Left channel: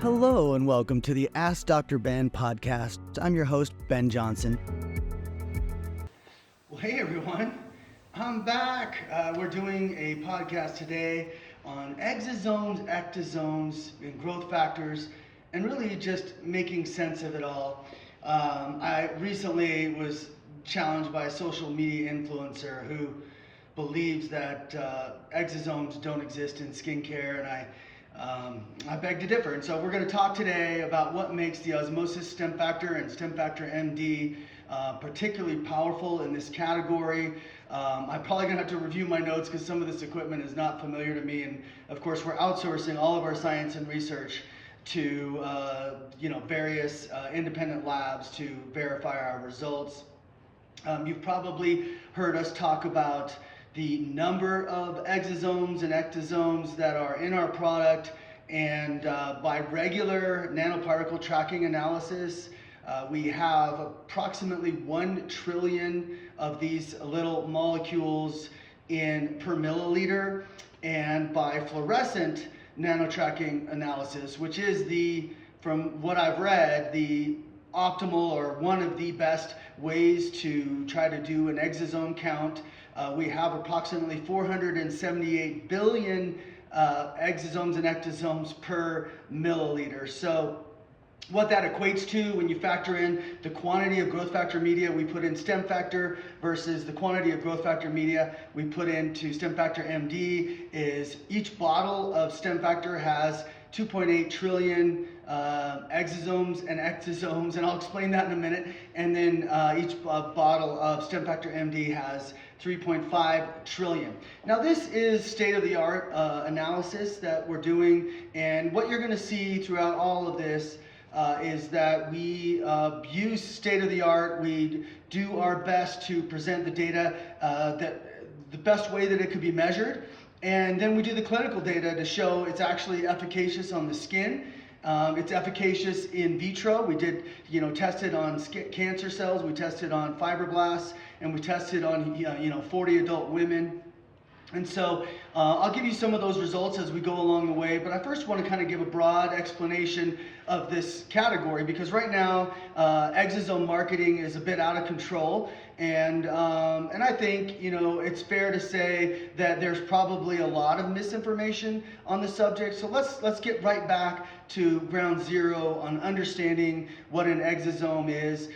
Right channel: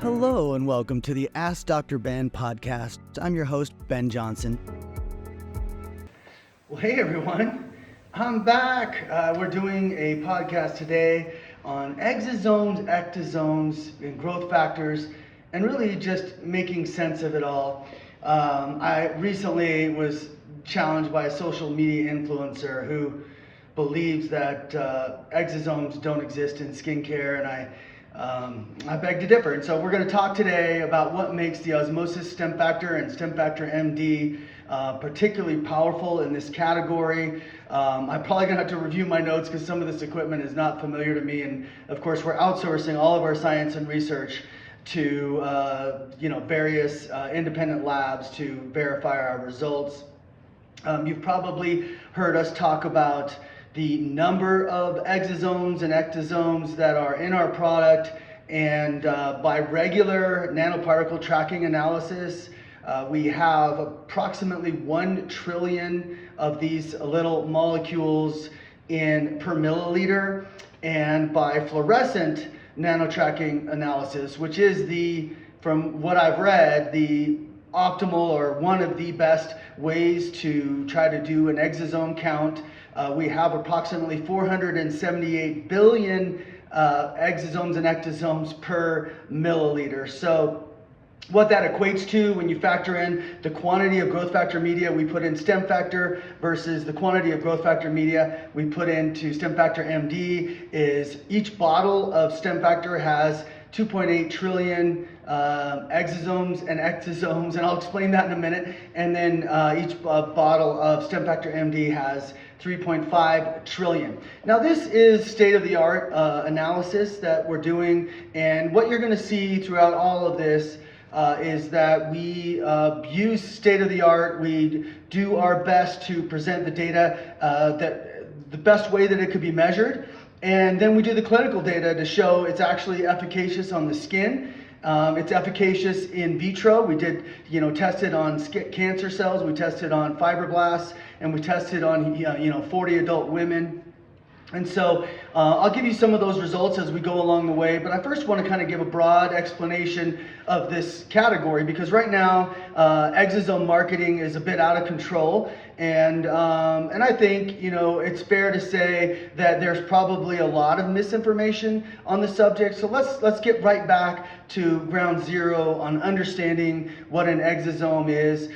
Hello and welcome to the AskDrBen podcast. I'm your host, Ben Johnson. Well, hey everyone, I'm back. We're doing a podcast today on exosomes, ectosomes, and growth factors, and really just making sense of it all. I recently was challenged by a social media influencer who believes that exosomes don't exist in skincare, and I beg to differ. And so we're going to talk today about what makes the Osmosis stem factor and stem factor MD particularly powerful in this category. I'm probably going to have to review my notes because some of this equipment is not familiar to me. And of course, we're outsourcing all of our science and research to various independent labs to verify our results. You've probably heard us talk about the number of exosomes and ectosomes that are in our product, and by regular nanoparticle tracking analysis, we have approximately 1 trillion of these little molecules per milliliter, and by fluorescent nanotracking analysis, which is from what I've read, the optimal or one of the best ways to try to do an exosome count. We have approximately 478 billion exosomes and ectosomes per milliliter. So what that equates to when you factor in the quantity of growth factor media we put in stem factor versus the quantity of growth factor media we put into stem factor MD is each bottle of stem factor has 2.8 trillion exosomes and ectosomes, and I'll explain that in a minute. And then each bottle of stem factor MD has 3.5 trillion. Now this is state-of-the-art analysis that we're doing, and what you're going to see throughout all of this is that we use state-of-the-art. We do our best to present the data the best way that it could be measured. And then we do the clinical data to show it's actually efficacious on the skin. It's efficacious in vitro. We did, tested on cancer cells. We tested on fibroblasts, and we tested on, 40 adult women. And so I'll give you some of those results as we go along the way, but I first want to kind of give a broad explanation of this category, because right now exosome marketing is a bit out of control, and I think it's fair to say that there's probably a lot of misinformation on the subject. So let's get right back to ground zero on understanding what an exosome is.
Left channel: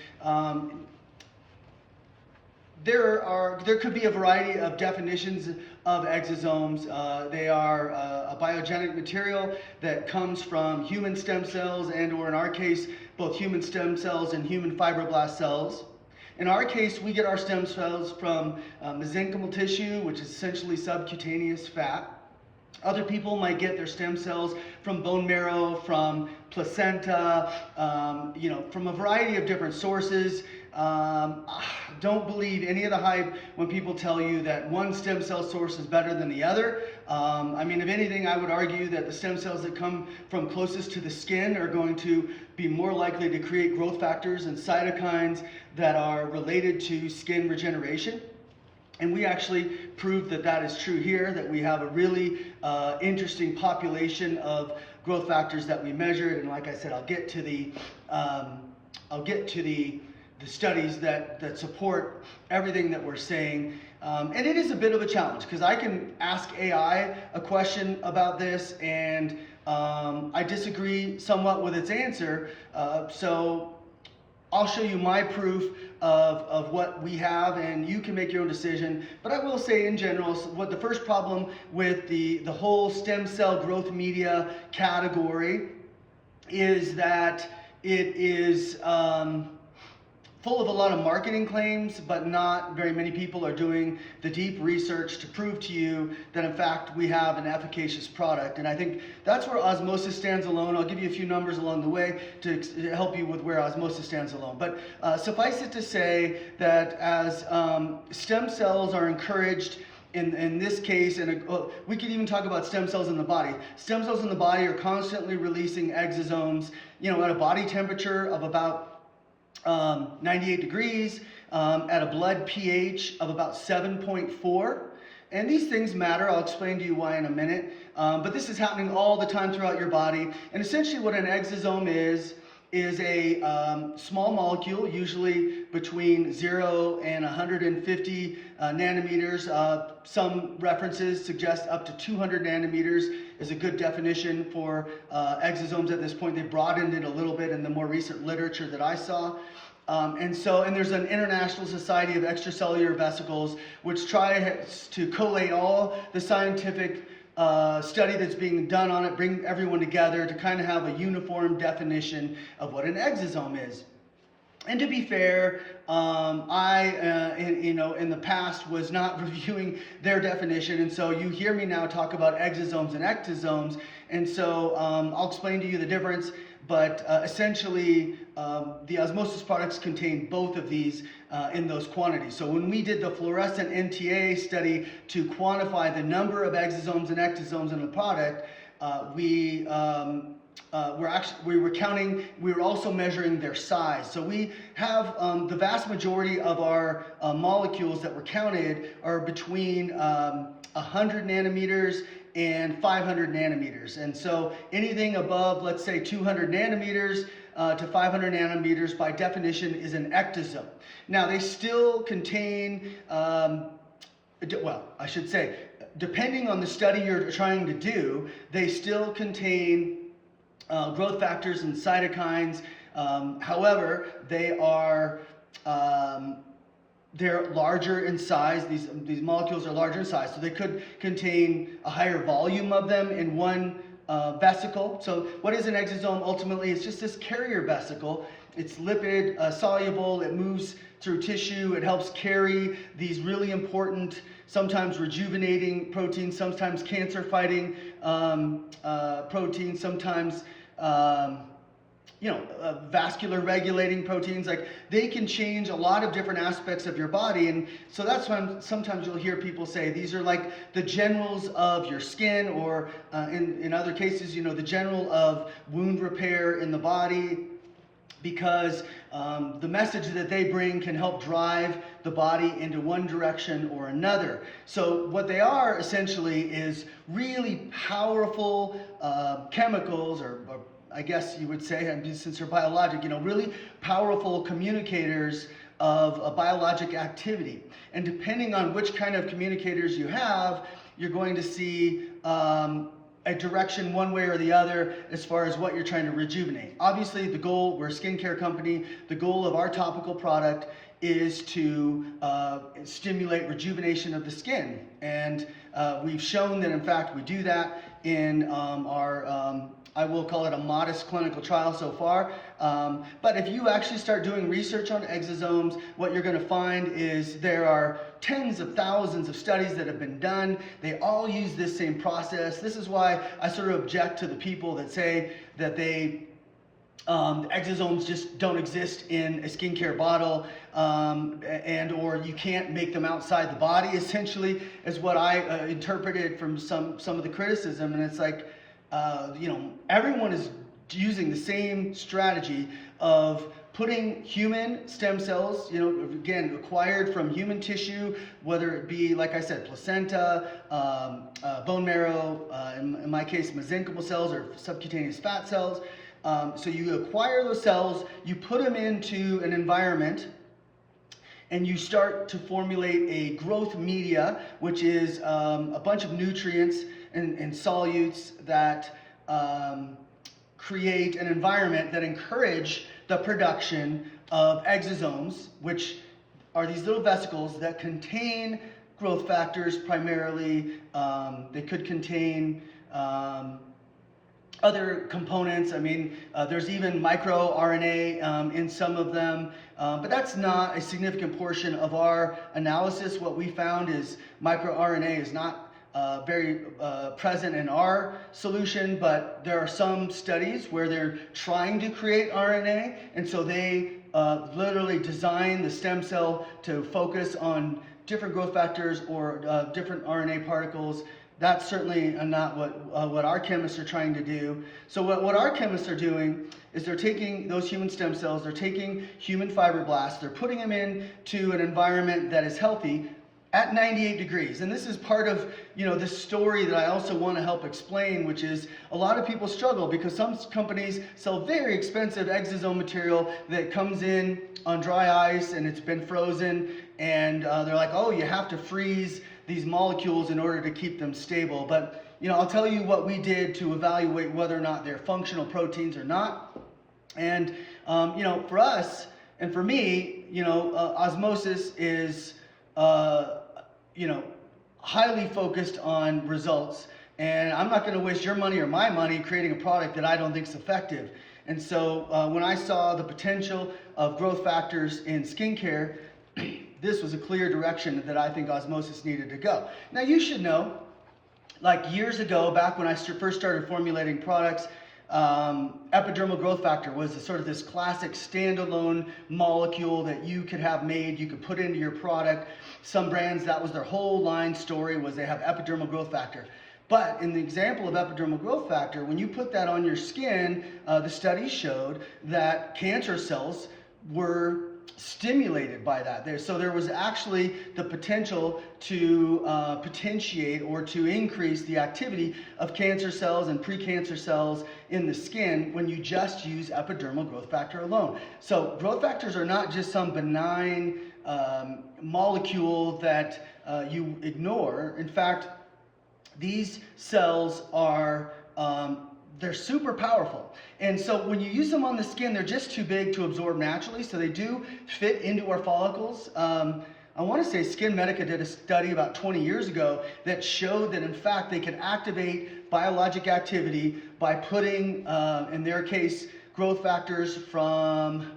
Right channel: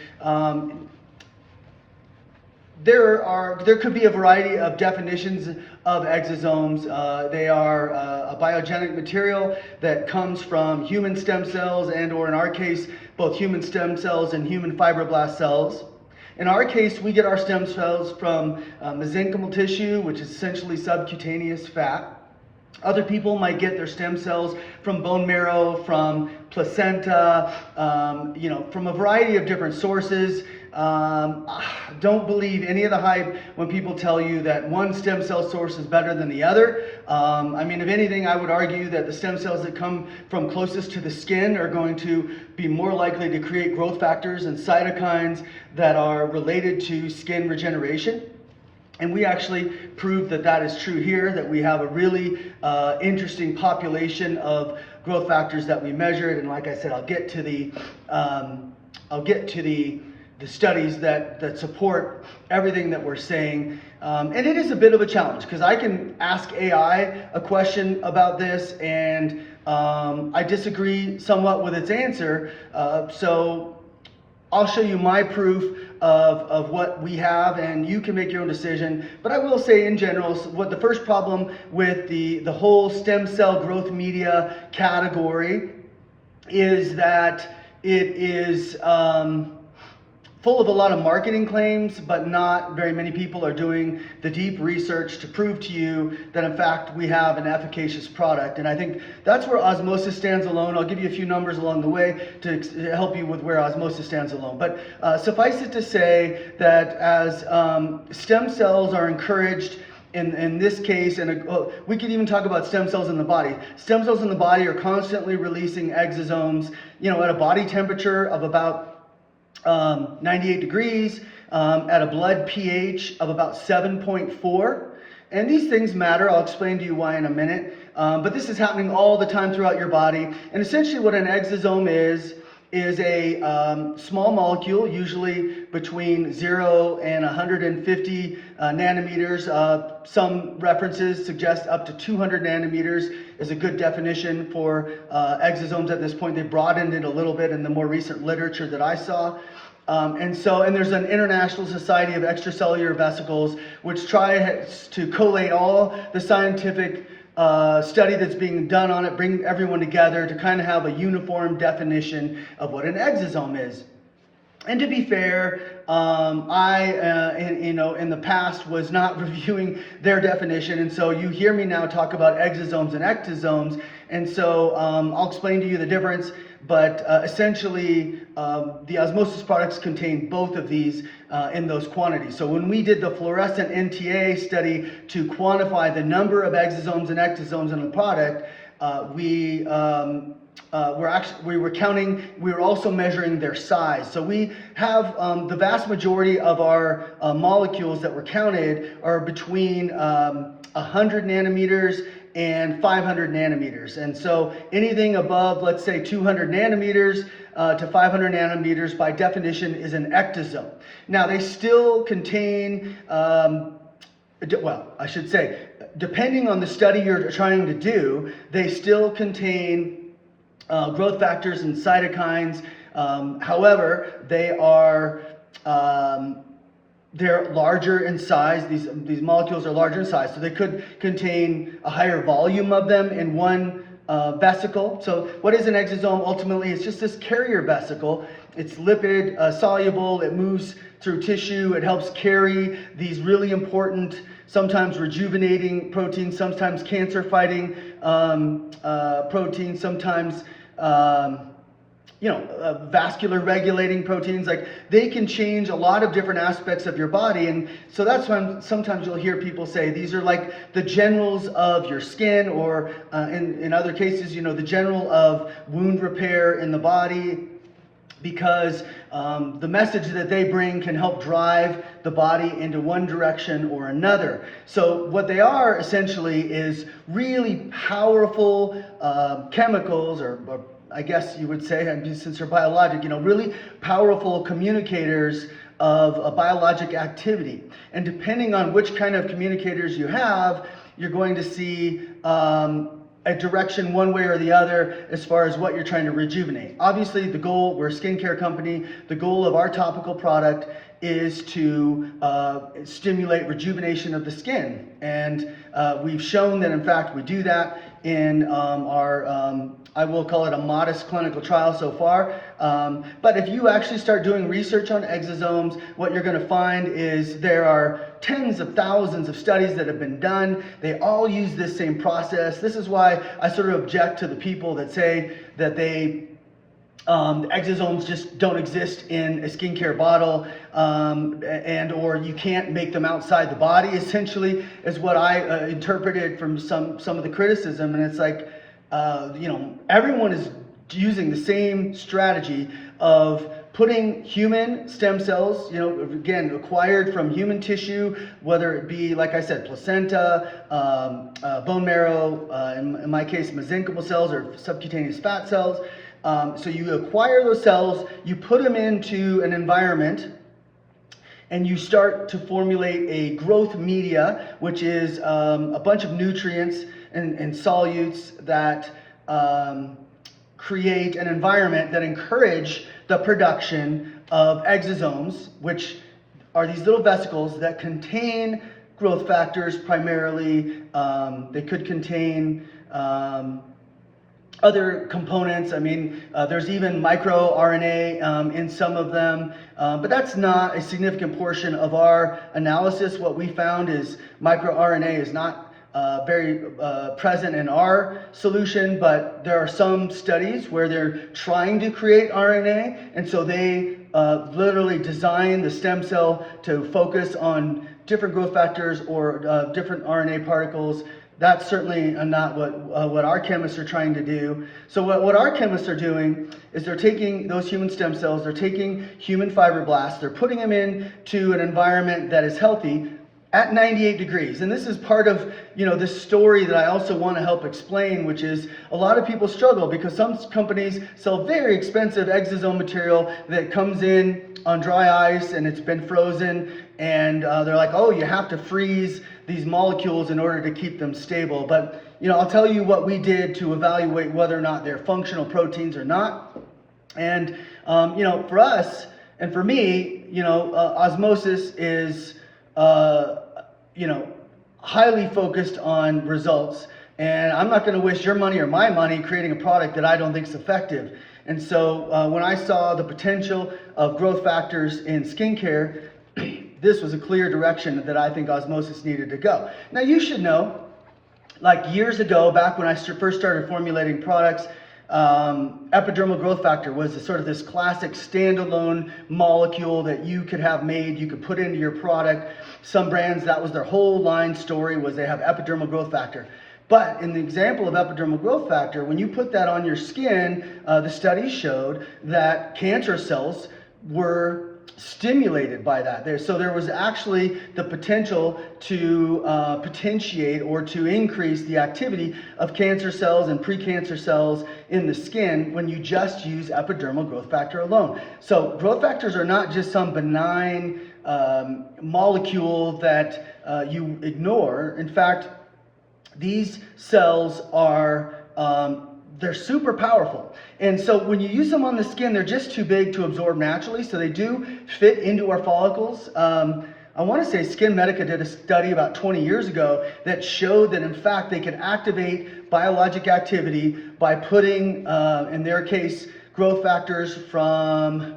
There could be a variety of definitions of exosomes. They are a biogenic material that comes from human stem cells, and or in our case, both human stem cells and human fibroblast cells. In our case, we get our stem cells from mesenchymal tissue, which is essentially subcutaneous fat. Other people might get their stem cells from bone marrow, from placenta, from a variety of different sources. Don't believe any of the hype when people tell you that one stem cell source is better than the other. If anything, I would argue that the stem cells that come from closest to the skin are going to be more likely to create growth factors and cytokines that are related to skin regeneration. And we actually proved that that is true here, that we have a really interesting population of growth factors that we measured. And like I said, I'll get to the studies that support everything that we're saying. And it is a bit of a challenge because I can ask AI a question about this, and I disagree somewhat with its answer. So I'll show you my proof of what we have, and you can make your own decision. But I will say in general, what the first problem with the whole stem cell growth media category is that it is full of a lot of marketing claims, but not very many people are doing the deep research to prove to you that in fact we have an efficacious product. And I think that's where Osmosis stands alone. I'll give you a few numbers along the way to help you with where Osmosis stands alone. But suffice it to say that as stem cells are encouraged in this case, and we could even talk about stem cells in the body. Stem cells in the body are constantly releasing exosomes, at a body temperature of about 98 degrees, at a blood pH of about 7.4. And these things matter. I'll explain to you why in a minute. But this is happening all the time throughout your body. And essentially what an exosome is a small molecule, usually between 0 and 150 nanometers. Some references suggest up to 200 nanometers is a good definition for exosomes at this point. They broadened it a little bit in the more recent literature that I saw. And there's an International Society of Extracellular Vesicles, which tries to collate all the scientific study that's being done on it, bring everyone together to kind of have a uniform definition of what an exosome is. And to be fair, I, in the past was not reviewing their definition, and so you hear me now talk about exosomes and ectosomes, and so I'll explain to you the difference. But essentially, the osmosis products contain both of these in those quantities. So when we did the fluorescent NTA study to quantify the number of exosomes and ectosomes in the product, we were counting, we were also measuring their size. So we have the vast majority of our molecules that were counted are between 100 nanometers and 500 nanometers. And so anything above, let's say 200 nanometers to 500 nanometers by definition is an ectosome. Now they still contain, well, I should say, depending on the study you're trying to do, they still contain growth factors and cytokines. However, they're larger in size. These molecules are larger in size, so they could contain a higher volume of them in one vesicle. So what is an exosome? Ultimately, it's just this carrier vesicle. It's lipid soluble. It moves through tissue. It helps carry these really important, sometimes rejuvenating proteins, sometimes cancer-fighting proteins, sometimes vascular regulating proteins. Like, they can change a lot of different aspects of your body. And so that's when sometimes you'll hear people say these are like the generals of your skin, or in other cases, the general of wound repair in the body, because the message that they bring can help drive the body into one direction or another. So what they are essentially is really powerful chemicals, or I guess you would say, since they're biologic, really powerful communicators of a biologic activity. And depending on which kind of communicators you have, you're going to see a direction one way or the other as far as what you're trying to rejuvenate. Obviously, the goal, we're a skincare company, the goal of our topical product is to stimulate rejuvenation of the skin. And we've shown that, in fact, we do that in our I will call it a modest clinical trial so far. But if you actually start doing research on exosomes, what you're going to find is there are tens of thousands of studies that have been done. They all use this same process. This is why I sort of object to the people that say that exosomes just don't exist in a skincare bottle, or you can't make them outside the body, essentially, is what I interpreted from some of the criticism. And it's like, everyone is using the same strategy of putting human stem cells, again, acquired from human tissue, whether it be, like I said, placenta, bone marrow, in my case, mesenchymal cells or subcutaneous fat cells. So you acquire those cells, you put them into an environment, and you start to formulate a growth media, which is a bunch of nutrients and solutes that create an environment that encourage the production of exosomes, which are these little vesicles that contain growth factors primarily. They could contain other components. There's even microRNA in some of them, but that's not a significant portion of our analysis. What we found is microRNA is not very present in our solution, but there are some studies where they're trying to create RNA, and so they literally design the stem cell to focus on different growth factors or different RNA particles. That's certainly not what our chemists are trying to do. So what our chemists are doing is they're taking those human stem cells, they're taking human fibroblasts, they're putting them into an environment that is healthy, at 98 degrees. And this is part of, this story that I also want to help explain, which is a lot of people struggle because some companies sell very expensive exosome material that comes in on dry ice and it's been frozen, and they're like, oh, you have to freeze these molecules in order to keep them stable. But, I'll tell you what we did to evaluate whether or not they're functional proteins or not. And, for us and for me, Osmosis is highly focused on results, and I'm not going to waste your money or my money creating a product that I don't think is effective. And so when I saw the potential of growth factors in skincare, this was a clear direction that I think Osmosis needed to go. Now you should know, like years ago, back when I first started formulating products, epidermal growth factor was sort of this classic standalone molecule that you could have made, you could put into your product. Some brands, that was their whole line story, was they have epidermal growth factor. But in the example of epidermal growth factor, when you put that on your skin, the studies showed that cancer cells were stimulated by that. So there was actually the potential to potentiate or to increase the activity of cancer cells and precancer cells in the skin when you just use epidermal growth factor alone. So growth factors are not just some benign molecule that you ignore. In fact, these cells are they're super powerful. And so when you use them on the skin, they're just too big to absorb naturally. So they do fit into our follicles. I want to say Skin Medica did a study about 20 years ago that showed that in fact they can activate biologic activity by putting, in their case, growth factors from,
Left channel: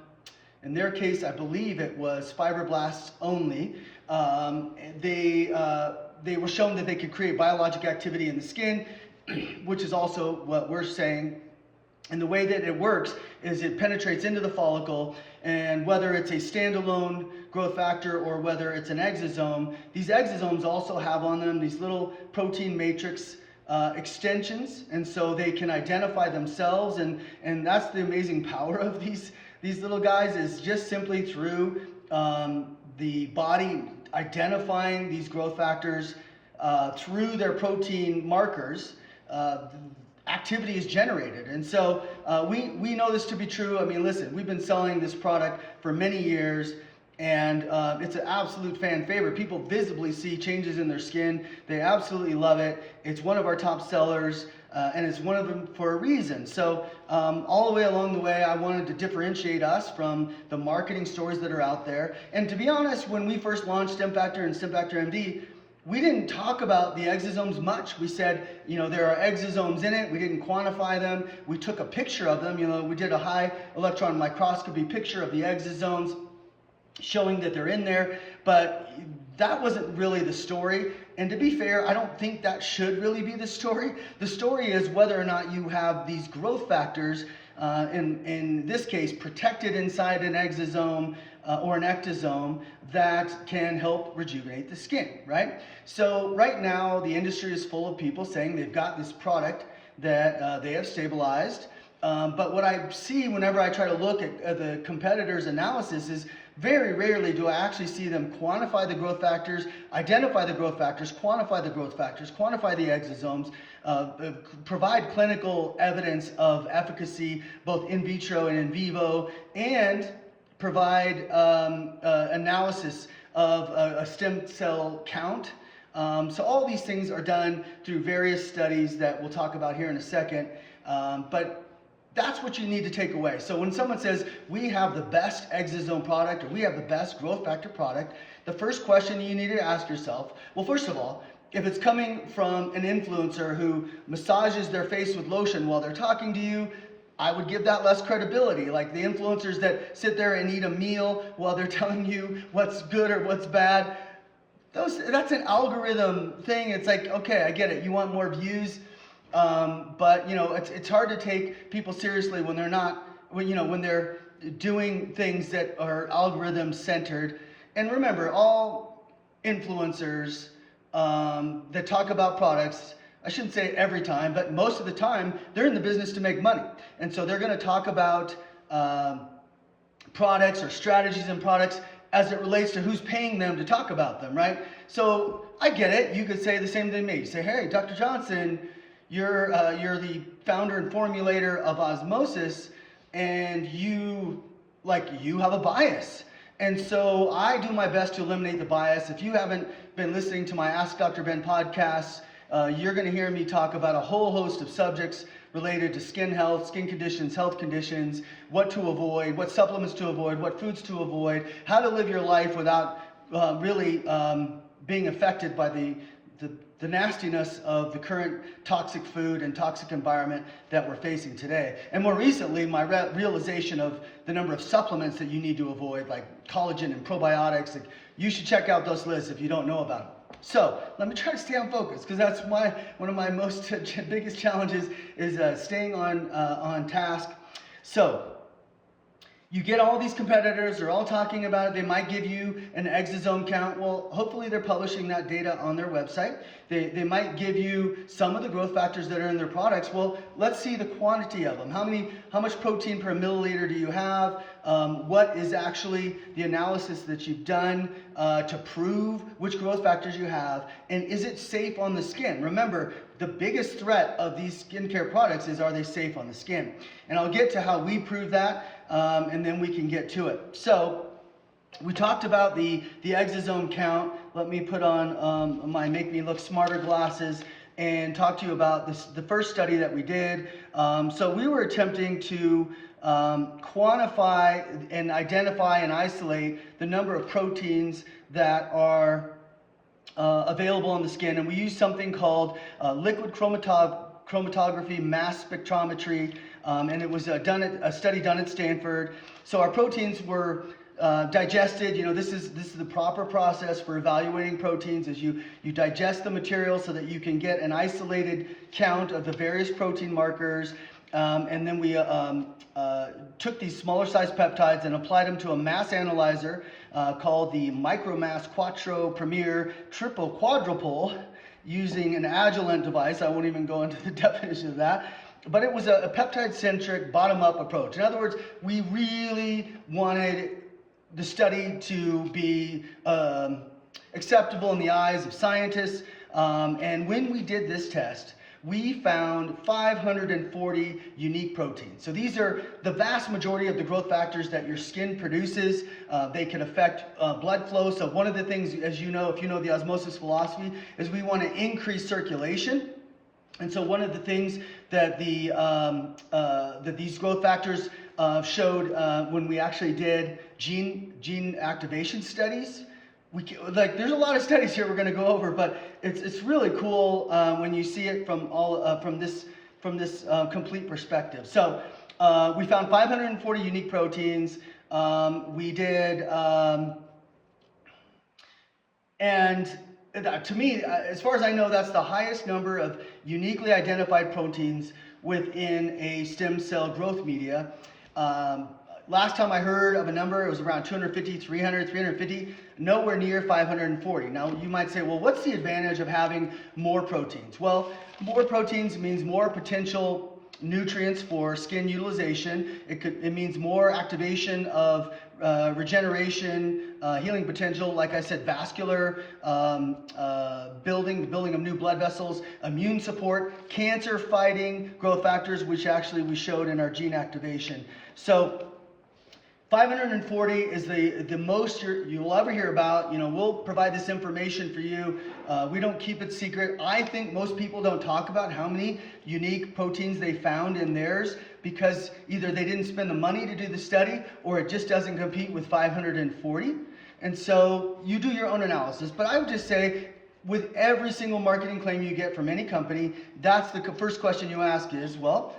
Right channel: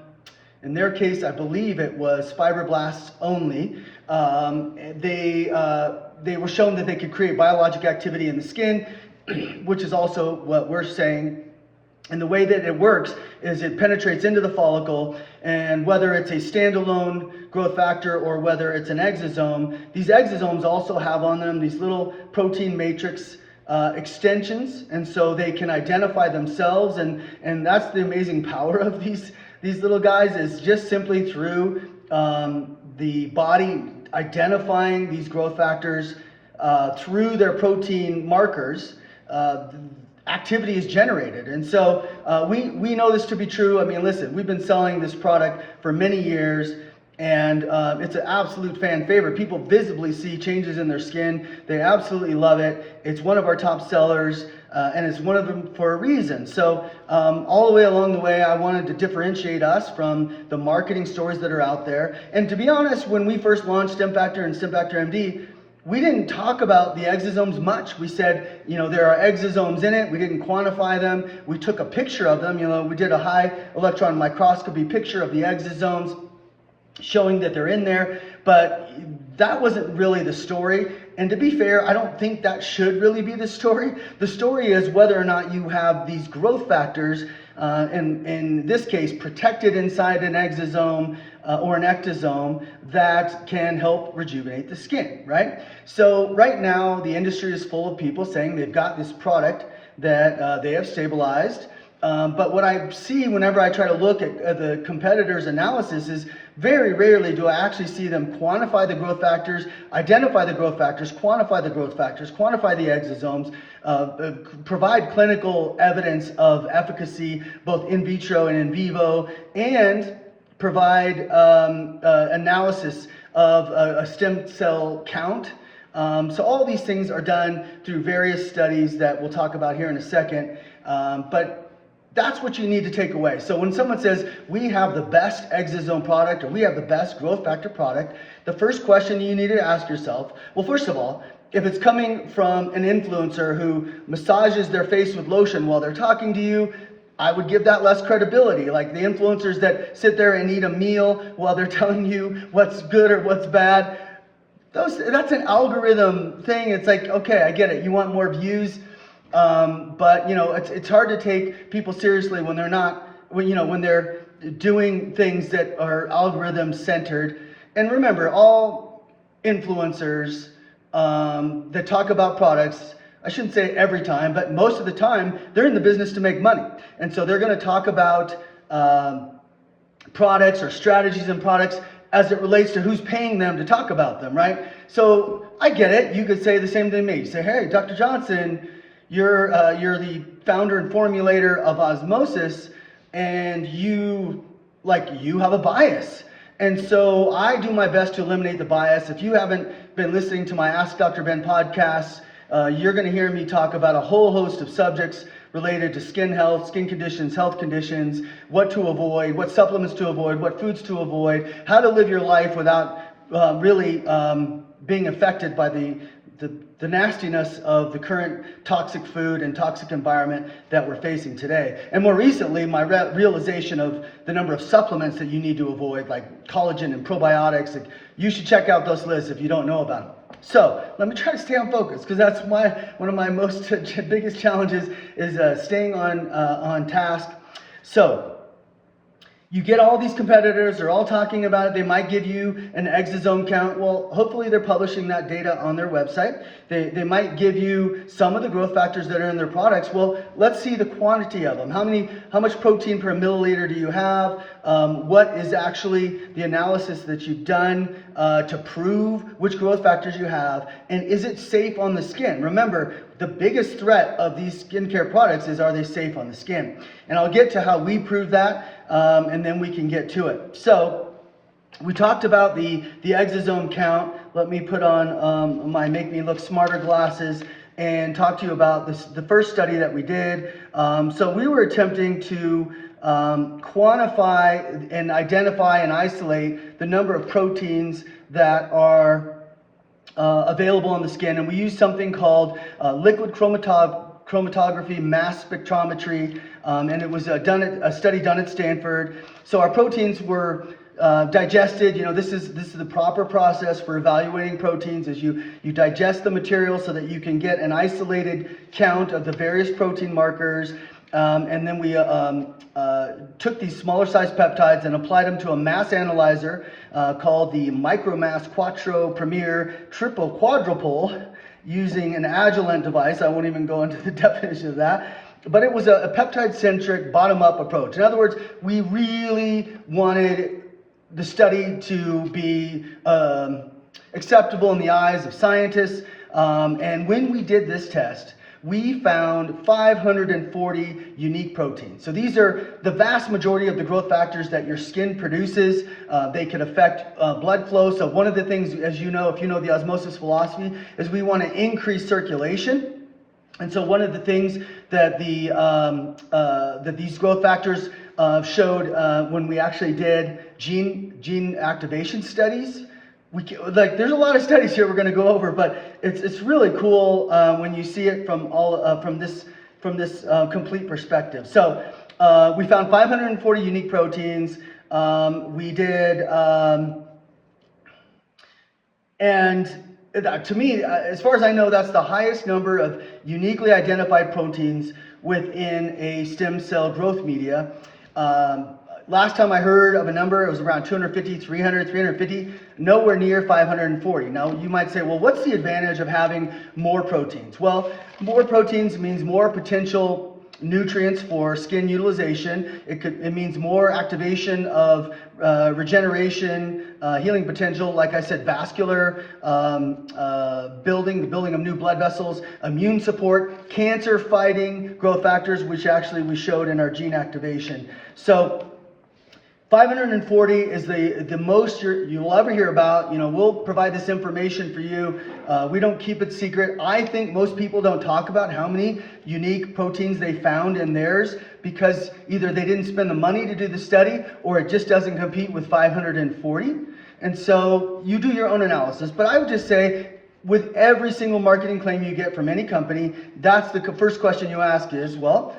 in their case, I believe it was fibroblasts only. They were shown that they could create biologic activity in the skin, which is also what we're saying. And the way that it works is it penetrates into the follicle, and whether it's a standalone growth factor or whether it's an exosome, these exosomes also have on them these little protein matrix extensions, and so they can identify themselves, and that's the amazing power of these little guys, is just simply through the body identifying these growth factors through their protein markers. Activity is generated. And so we know this to be true. I mean, listen, we've been selling this product for many years, and it's an absolute fan favorite. People visibly see changes in their skin. They absolutely love it. It's one of our top sellers, and it's one of them for a reason. So all the way along the way, I wanted to differentiate us from the marketing stories that are out there. And to be honest, when we first launched StemFactor and StemFactor MD, we didn't talk about the exosomes much. We said, there are exosomes in it. We didn't quantify them. We took a picture of them. We did a high electron microscopy picture of the exosomes, showing that they're in there. But that wasn't really the story. And to be fair, I don't think that should really be the story. The story is whether or not you have these growth factors, in this case, protected inside an exosome or an ectosome that can help rejuvenate the skin, right? So right now, the industry is full of people saying they've got this product that they have stabilized. But what I see whenever I try to look at the competitors' analysis is very rarely do I actually see them quantify the growth factors, identify the growth factors, quantify the growth factors, quantify the exosomes, provide clinical evidence of efficacy both in vitro and in vivo, and provide analysis of a stem cell count. So all these things are done through various studies that we'll talk about here in a second. But that's what you need to take away. So when someone says, we have the best exosome product or we have the best growth factor product, the first question you need to ask yourself, well, first of all, if it's coming from an influencer who massages their face with lotion while they're talking to you, I would give that less credibility. Like the influencers that sit there and eat a meal while they're telling you what's good or what's bad, that's an algorithm thing. It's like, okay, I get it. You want more views. But it's hard to take people seriously when they're not, when they're doing things that are algorithm centered. And remember, all influencers that talk about products, I shouldn't say every time, but most of the time, they're in the business to make money. And so they're going to talk about products or strategies in products as it relates to who's paying them to talk about them, right? So I get it. You could say the same thing to me. You say, hey, Dr. Johnson, you're the founder and formulator of Osmosis, and you have a bias. And so I do my best to eliminate the bias. If you haven't been listening to my Ask Dr. Ben podcast, you're going to hear me talk about a whole host of subjects related to skin health, skin conditions, health conditions, what to avoid, what supplements to avoid, what foods to avoid, how to live your life without really being affected by the nastiness of the current toxic food and toxic environment that we're facing today. And more recently, my realization of the number of supplements that you need to avoid, like collagen and probiotics. Like, you should check out those lists if you don't know about them. So let me try to stay on focus, because that's one of my most biggest challenges is staying on task. So you get all these competitors, they're all talking about it. They might give you an exosome count. Well, hopefully they're publishing that data on their website. They might give you some of the growth factors that are in their products. Well, let's see the quantity of them. How much protein per milliliter do you have? What is actually the analysis that you've done to prove which growth factors you have? And is it safe on the skin? Remember, the biggest threat of these skincare products is, are they safe on the skin? And I'll get to how we prove that, and then we can get to it. So we talked about the exosome count. Let me put on my Make Me Look Smarter glasses and talk to you about the first study that we did. So we were attempting to quantify and identify and isolate the number of proteins that are available on the skin, and we used something called liquid chromatography mass spectrometry, and it was a study done at Stanford. So our proteins were digested. This is the proper process for evaluating proteins, is you digest the material so that you can get an isolated count of the various protein markers. And then we took these smaller sized peptides and applied them to a mass analyzer called the Micromass Quattro Premier Triple Quadrupole, using an Agilent device. I won't even go into the definition of that. But it was a peptide-centric, bottom-up approach. In other words, we really wanted the study to be acceptable in the eyes of scientists. And when we did this test, we found 540 unique proteins. So these are the vast majority of the growth factors that your skin produces. They can affect blood flow. So one of the things, as you know, if you know the osmosis philosophy, is we want to increase circulation. And so one of the things that that these growth factors showed when we actually did gene activation studies. There's a lot of studies here we're going to go over, but it's really cool when you see it from this complete perspective. So we found 540 unique proteins. We did, and to me, as far as I know, that's the highest number of uniquely identified proteins within a stem cell growth media. Last time I heard of a number, it was around 250, 300, 350, nowhere near 540. Now, you might say, well, what's the advantage of having more proteins? Well, more proteins means more potential nutrients for skin utilization. It means more activation of regeneration, healing potential, like I said, vascular building, the building of new blood vessels, immune support, cancer fighting growth factors, which actually we showed in our gene activation. So 540 is the most you'll ever hear about. We'll provide this information for you. We don't keep it secret. I think most people don't talk about how many unique proteins they found in theirs, because either they didn't spend the money to do the study, or it just doesn't compete with 540. And so you do your own analysis. But I would just say, with every single marketing claim you get from any company, that's the first question you ask is, well,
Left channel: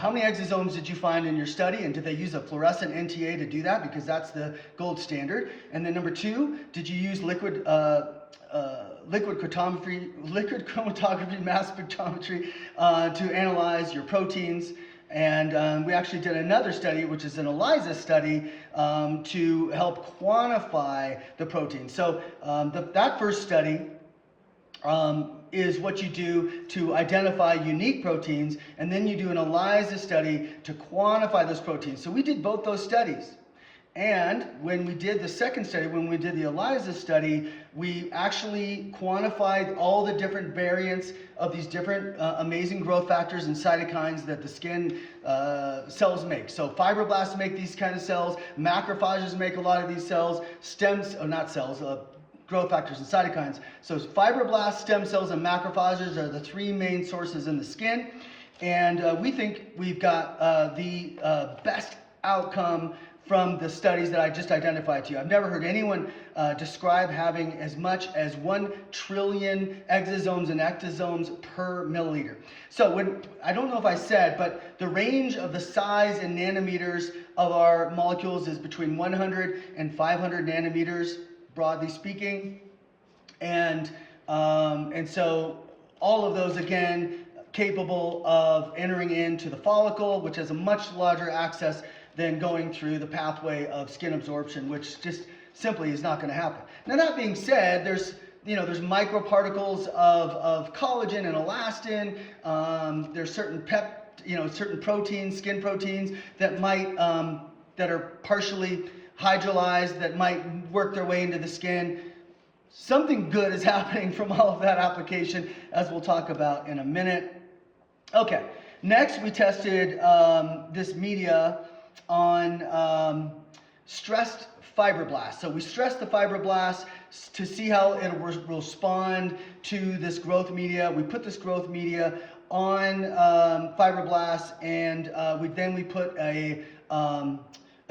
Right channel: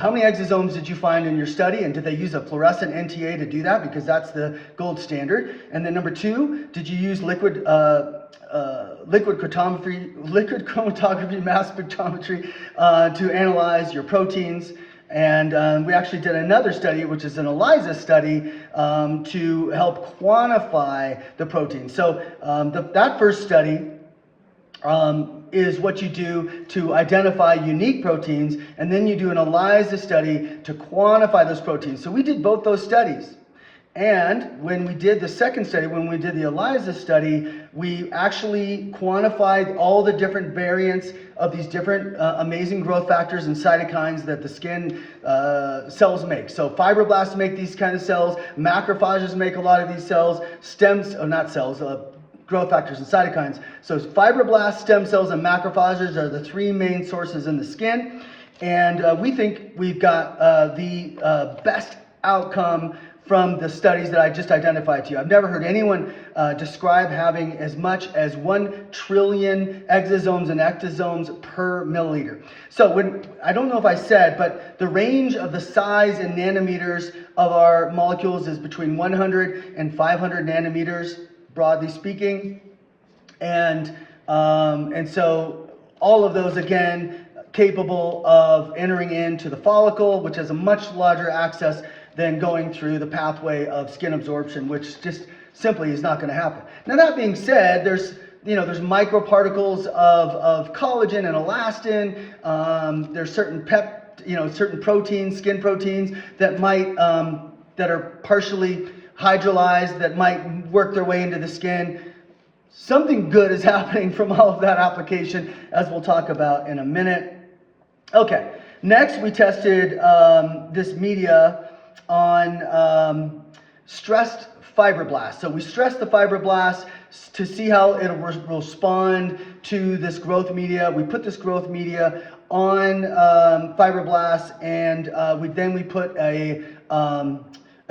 how many exosomes did you find in your study, and did they use a fluorescent NTA to do that, because that's the gold standard? And then number two, did you use liquid chromatography mass spectrometry to analyze your proteins? And we actually did another study, which is an ELISA study, to help quantify the protein. So that first study is what you do to identify unique proteins, and then you do an ELISA study to quantify those proteins. So we did both those studies, And when we did the second study, when we did the ELISA study, we actually quantified all the different variants of these different amazing growth factors and cytokines that the skin cells make. So fibroblasts make these kind of cells, macrophages make a lot of these cells, growth factors and cytokines. So fibroblasts, stem cells, and macrophages are the three main sources in the skin. And we think we've got the best outcome from the studies that I just identified to you. I've never heard anyone describe having as much as 1 trillion exosomes and ectosomes per milliliter. So I don't know if I said, but the range of the size in nanometers of our molecules is between 100 and 500 nanometers, broadly speaking. And so all of those, again, capable of entering into the follicle, which has a much larger access than going through the pathway of skin absorption, which just simply is not going to happen. Now, that being said, there's microparticles of collagen and elastin. There's certain certain proteins, skin proteins that that are partially hydrolyzed, that might work their way into the skin. Something good is happening from all of that application, as we'll talk about in a minute. Okay, next we tested this media on stressed fibroblasts. So we stressed the fibroblasts to see how it will respond to this growth media. We put this growth media on fibroblasts, and we put a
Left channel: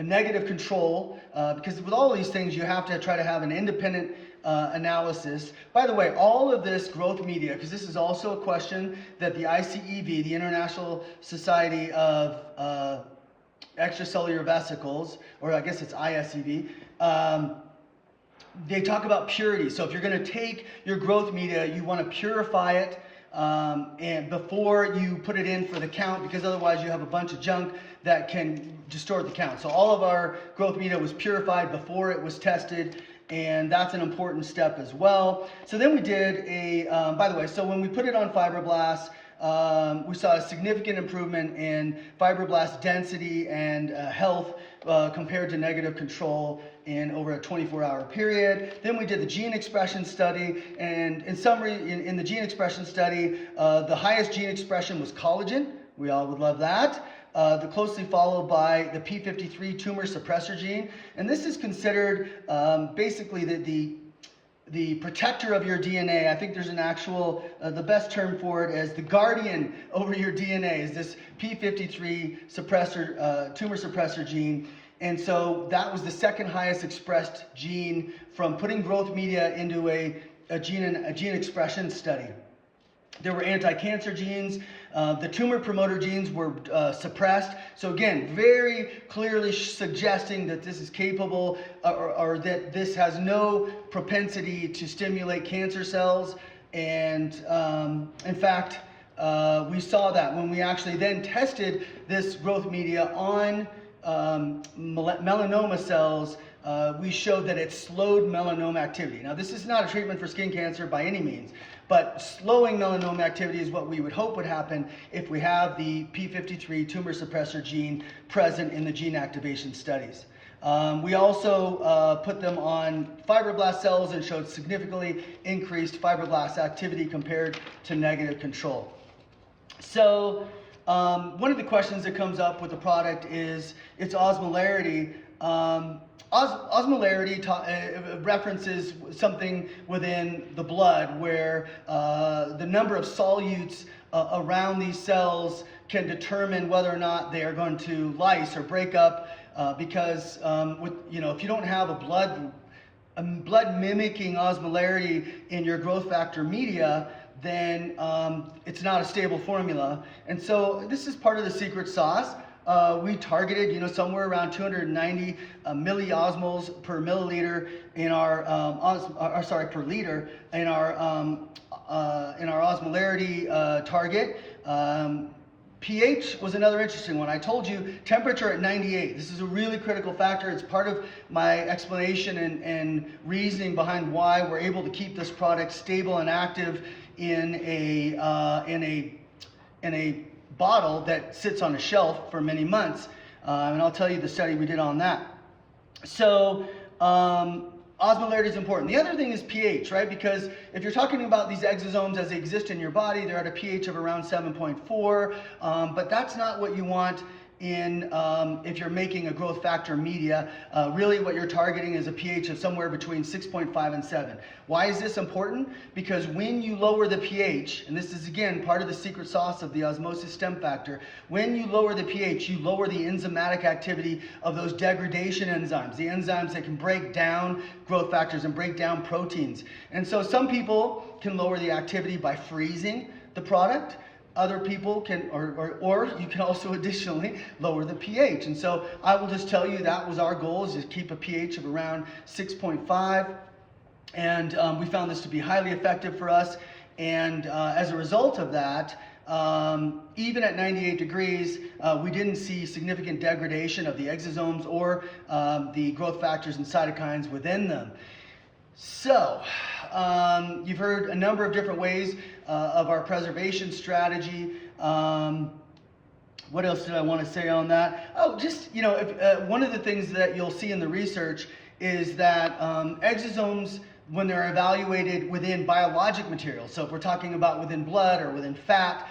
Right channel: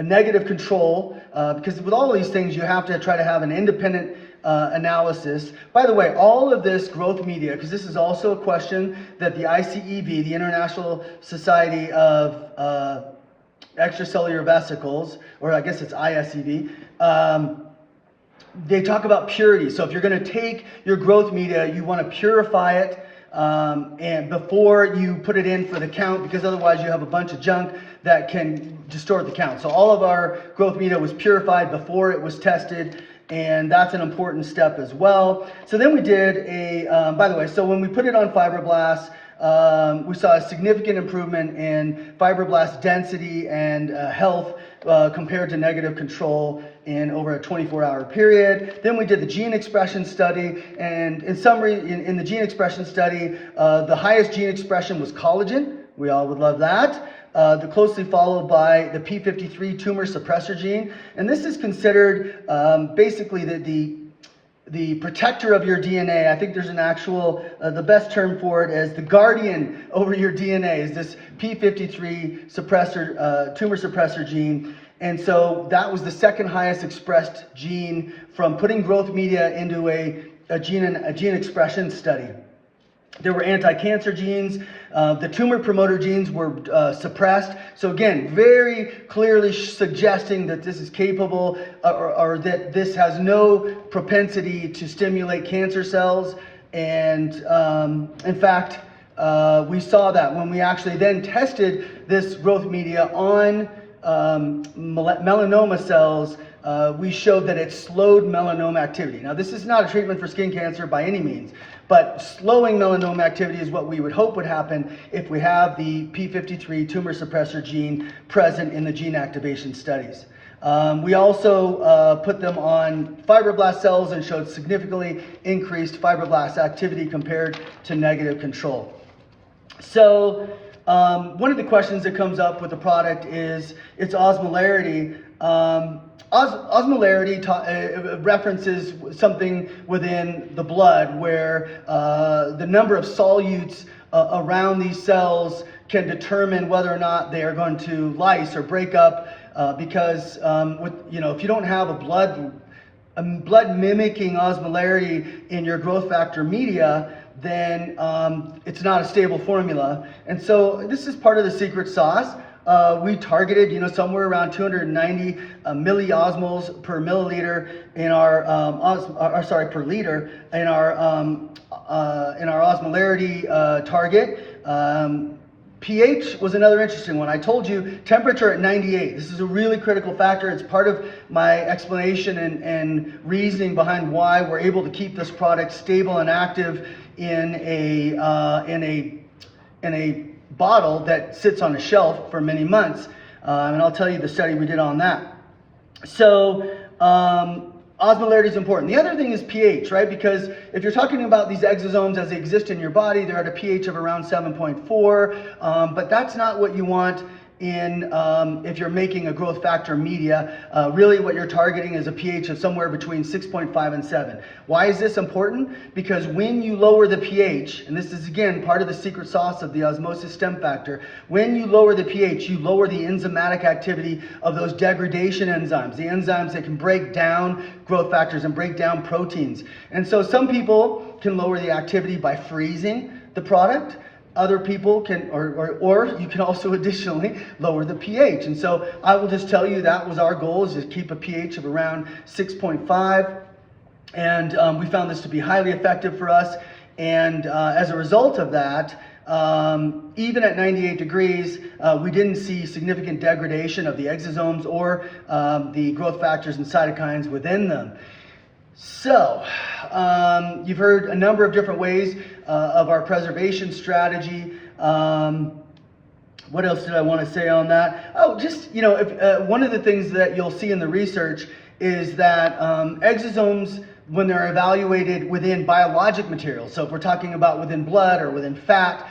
negative control, because with all of these things you have to try to have an independent analysis. By the way, all of this growth media, because this is also a question that the ICEV, the International Society of Extracellular Vesicles, or I guess it's ISEV, they talk about purity. So if you're going to take your growth media, you want to purify it and before you put it in for the count, because otherwise you have a bunch of junk that can distort the count. So all of our growth media was purified before it was tested, and that's an important step as well. So then we did by the way, so when we put it on fibroblasts, we saw a significant improvement in fibroblast density and health compared to negative control in over a 24-hour period. Then we did the gene expression study, and in summary, in the gene expression study, the highest gene expression was collagen. We all would love that. Closely followed by the p53 tumor suppressor gene, and this is considered basically the protector of your DNA. I think there's an actual, the best term for it is the guardian over your DNA is this p53 suppressor, tumor suppressor gene. And so that was the second highest expressed gene from putting growth media into a gene expression study. There were anti-cancer genes. The tumor promoter genes were suppressed. So again, very clearly suggesting that this is capable or that this has no propensity to stimulate cancer cells. And in fact, we saw that when we actually then tested this growth media on melanoma cells, we showed that it slowed melanoma activity. Now, this is not a treatment for skin cancer by any means, but slowing melanoma activity is what we would hope would happen if we have the p53 tumor suppressor gene present in the gene activation studies. We also put them on fibroblast cells and showed significantly increased fibroblast activity compared to negative control. So one of the questions that comes up with the product is its osmolarity. Osmolarity references something within the blood where the number of solutes around these cells can determine whether or not they are going to lyse or break up, because if you don't have a blood mimicking osmolarity in your growth factor media, then it's not a stable formula. And so this is part of the secret sauce. We targeted, somewhere around 290 milliosmoles per milliliter in our, per liter in our osmolarity target. pH was another interesting one. I told you temperature at 98. This is a really critical factor. It's part of my explanation and reasoning behind why we're able to keep this product stable and active in a bottle that sits on a shelf for many months. And I'll tell you the study we did on that. So osmolarity is important. The other thing is pH, right? Because if you're talking about these exosomes as they exist in your body, they're at a pH of around 7.4, but that's not what you want in if you're making a growth factor media. Really what you're targeting is a pH of somewhere between 6.5 and 7. Why is this important? Because when you lower the pH, and this is again part of the secret sauce of the osmosis stem factor, when you lower the pH, you lower the enzymatic activity of those degradation enzymes, the enzymes that can break down growth factors and break down proteins. And so some people can lower the activity by freezing the product. Other people can, or you can also additionally lower the pH. And so I will just tell you that was our goal, is to keep a pH of around 6.5. And we found this to be highly effective for us. And as a result of that, even at 98 degrees, we didn't see significant degradation of the exosomes or the growth factors and cytokines within them. So, you've heard a number of different ways of our preservation strategy. What else did I want to say on that? Oh, just, one of the things that you'll see in the research is that exosomes, when they're evaluated within biologic materials, so if we're talking about within blood or within fat,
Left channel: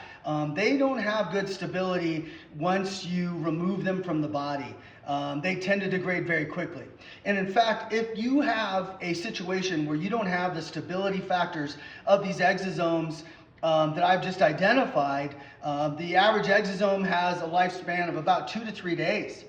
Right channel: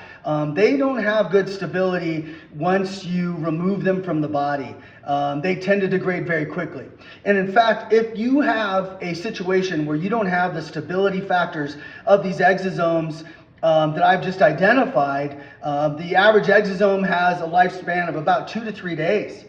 they don't have good stability once you remove them from the body. They tend to degrade very quickly. And in fact, if you have a situation where you don't have the stability factors of these exosomes that I've just identified, the average exosome has a lifespan of about 2 to 3 days,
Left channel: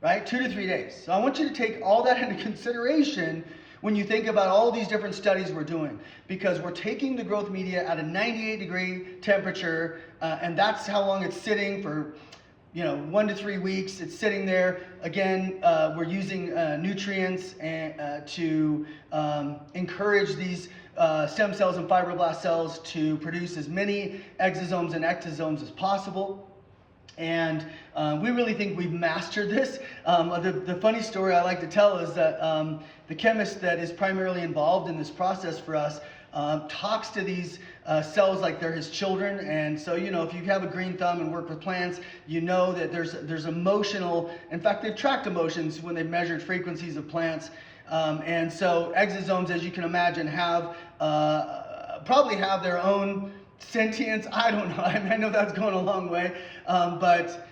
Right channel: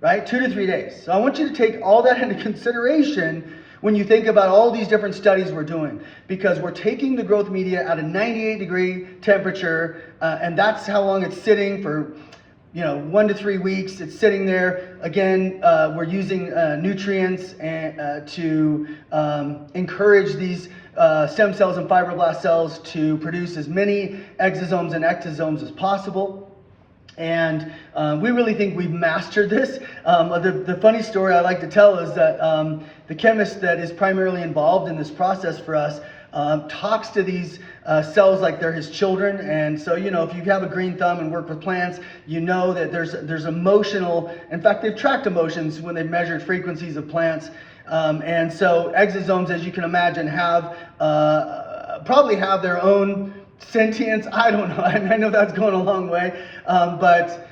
right? 2 to 3 days. So I want you to take all that into consideration when you think about all these different studies we're doing, because we're taking the growth media at a 98-degree temperature, and that's how long it's sitting for, 1 to 3 weeks. It's sitting there. Again, we're using nutrients to encourage these stem cells and fibroblast cells to produce as many exosomes and ectosomes as possible. And we really think we've mastered this. The funny story I like to tell is that the chemist that is primarily involved in this process for us talks to these cells like they're his children. And so, if you have a green thumb and work with plants, you know that there's emotional, in fact, they've tracked emotions when they've measured frequencies of plants. And so exosomes, as you can imagine, have probably have their own sentience. I don't know. I know that's going a long way. But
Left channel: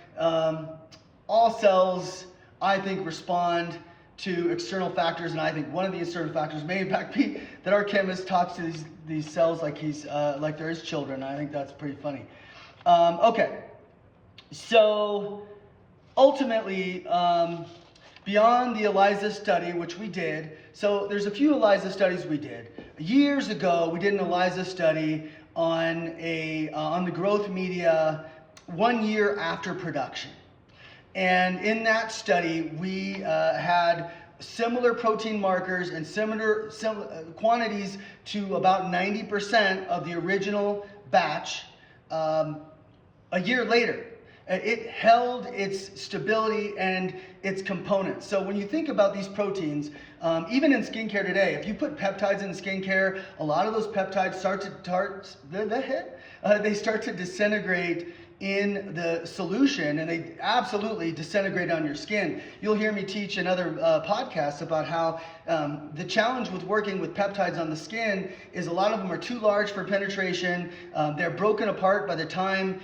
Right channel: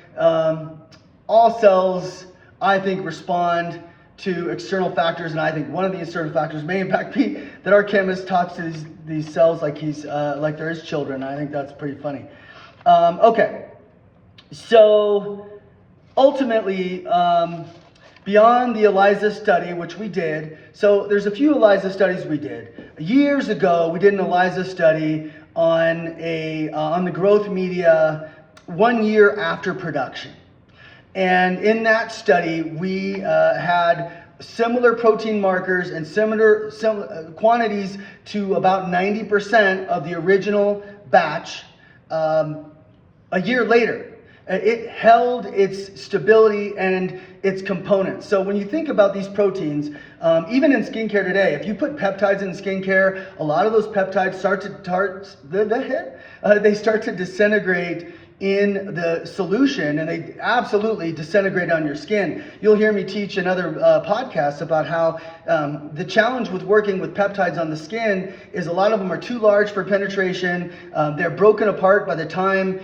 all cells, I think, respond to external factors, and I think one of the external factors may in fact be that our chemist talks to these cells like like they're his children. I think that's pretty funny. Okay, so ultimately, beyond the ELISA study, which we did, so there's a few ELISA studies we did. Years ago, we did an ELISA study on the growth media 1 year after production. And in that study, we had similar protein markers and similar quantities to about 90% of the original batch a year later. It held its stability and its components. So when you think about these proteins, even in skincare today, if you put peptides in skincare, a lot of those peptides start to disintegrate in the solution, and they absolutely disintegrate on your skin. You'll hear me teach in other podcasts about how the challenge with working with peptides on the skin is a lot of them are too large for penetration. They're broken apart by the time